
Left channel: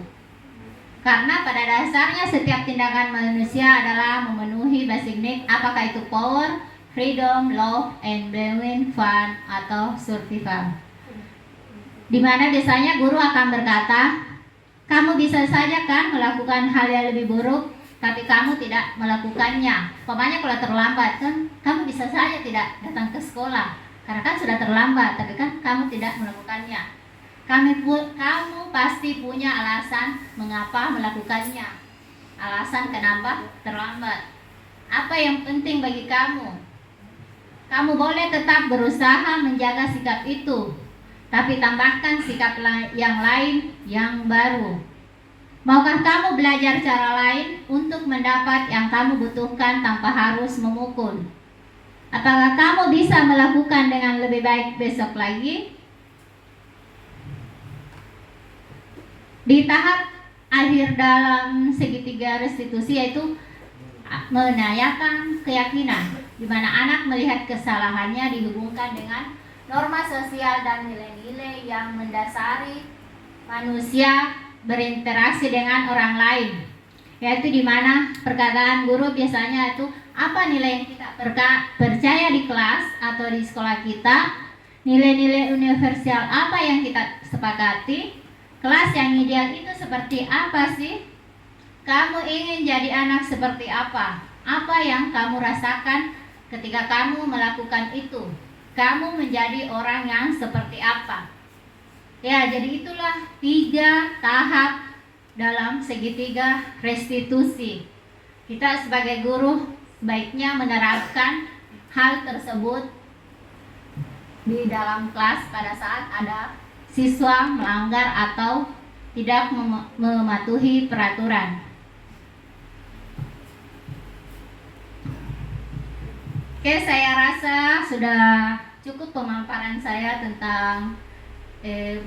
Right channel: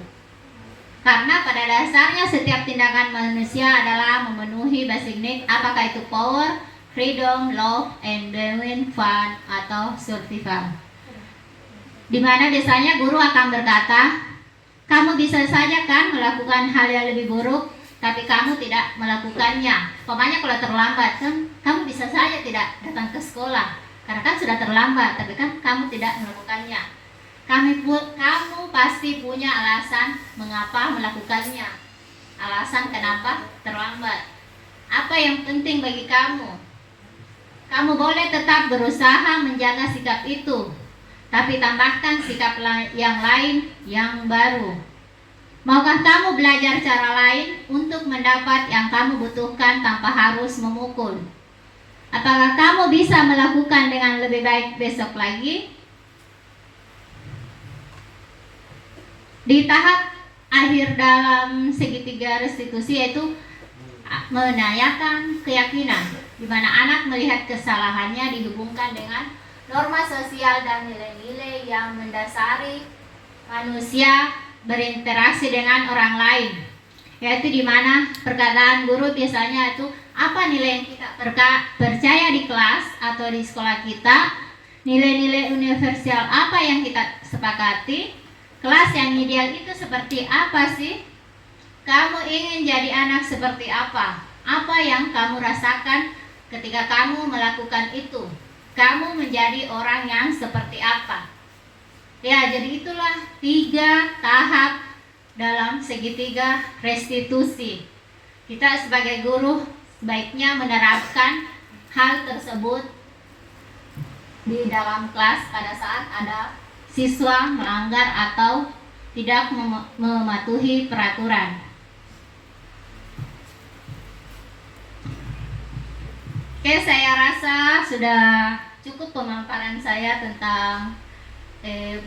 Karena pada dasarnya setiap tindakan manusia adalah memenuhi basic need, apakah itu power, freedom, love, endowment, fun, atau survival. Di mana biasanya guru akan berkata, kamu bisa saja kan melakukan hal yang lebih buruk, tapi kamu tidak melakukannya. Umpamanya kalau terlambat kan, kamu bisa saja tidak datang ke sekolah karena kan sudah terlambat, tapi kan kamu tidak melakukannya. Kamu pasti punya alasan mengapa melakukannya. Alasan kenapa terlambat. Apa yang penting bagi kamu? Kamu boleh tetap berusaha menjaga sikap itu, tapi tambahkan sikap yang lain yang baru. Maukah kamu belajar cara lain untuk mendapat yang kamu butuhkan tanpa harus memukul? Apakah kamu bisa melakukan dengan lebih baik besok lagi? Di tahap akhir dalam segitiga restitusi yaitu menanyakan keyakinan, di mana anak melihat kesalahannya dihubungkan dengan norma sosial dan nilai-nilai yang mendasari manusia berinteraksi dengan orang lain, yaitu di mana perkataan guru biasanya itu apa nilai yang kita percaya di kelas atau di sekolah kita, nilai-nilai universal apa yang kita sepakati, kelas yang ideal itu seperti apa sih? Kamu ingin jadi anak seperti apa? Apa yang kamu rasakan ketika kamu melakukan itu? Kamu menjadi orang yang seperti apa? Ya, jadi itulah 3 tahap dalam segitiga restitusi. Kita sebagai guru sebaiknya menerapkan hal tersebut di dalam kelas pada saat ada siswa melanggar atau tidak mematuhi peraturan. Oke, saya rasa sudah cukup pemaparan saya tentang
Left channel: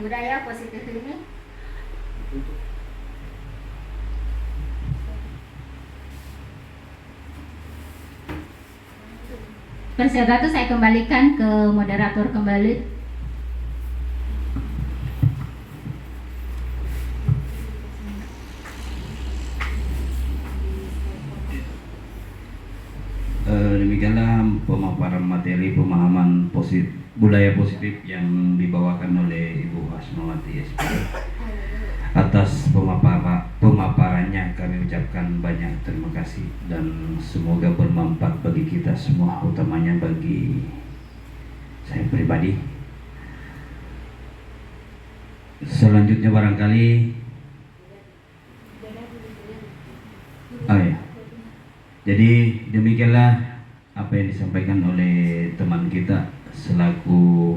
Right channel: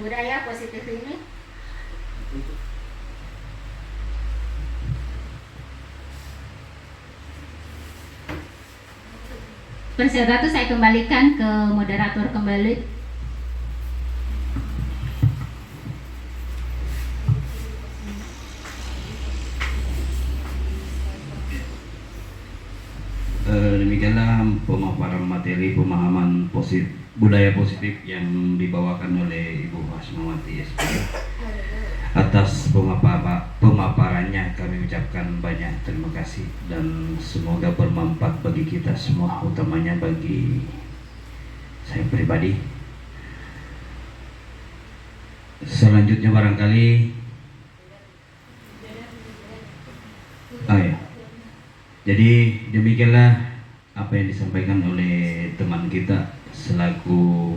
budaya positif ini. Persilakan saya kembalikan ke moderator kembali. Demikianlah pemaparan materi pemahaman budaya positif yang dibawakan oleh Ibu Hasmawati SP. Atas pemaparannya kami ucapkan banyak terima kasih dan semoga bermanfaat bagi kita semua, utamanya bagi saya pribadi. Selanjutnya barangkali jadi demikianlah apa yang disampaikan oleh teman kita selaku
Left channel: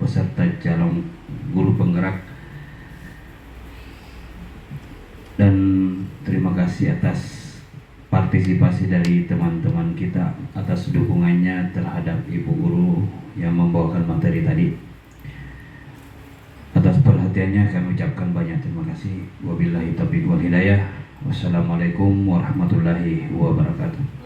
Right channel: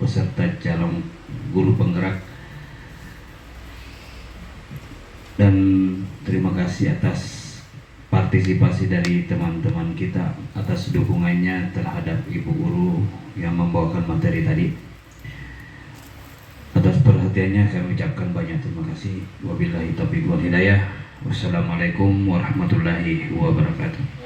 peserta calon guru penggerak, dan terima kasih atas partisipasi dari teman-teman kita atas dukungannya terhadap ibu guru yang membawakan materi tadi. Atas perhatiannya kami ucapkan banyak terima kasih. Wabillahi taufiq wal hidayah. Wassalamualaikum warahmatullahi wabarakatuh.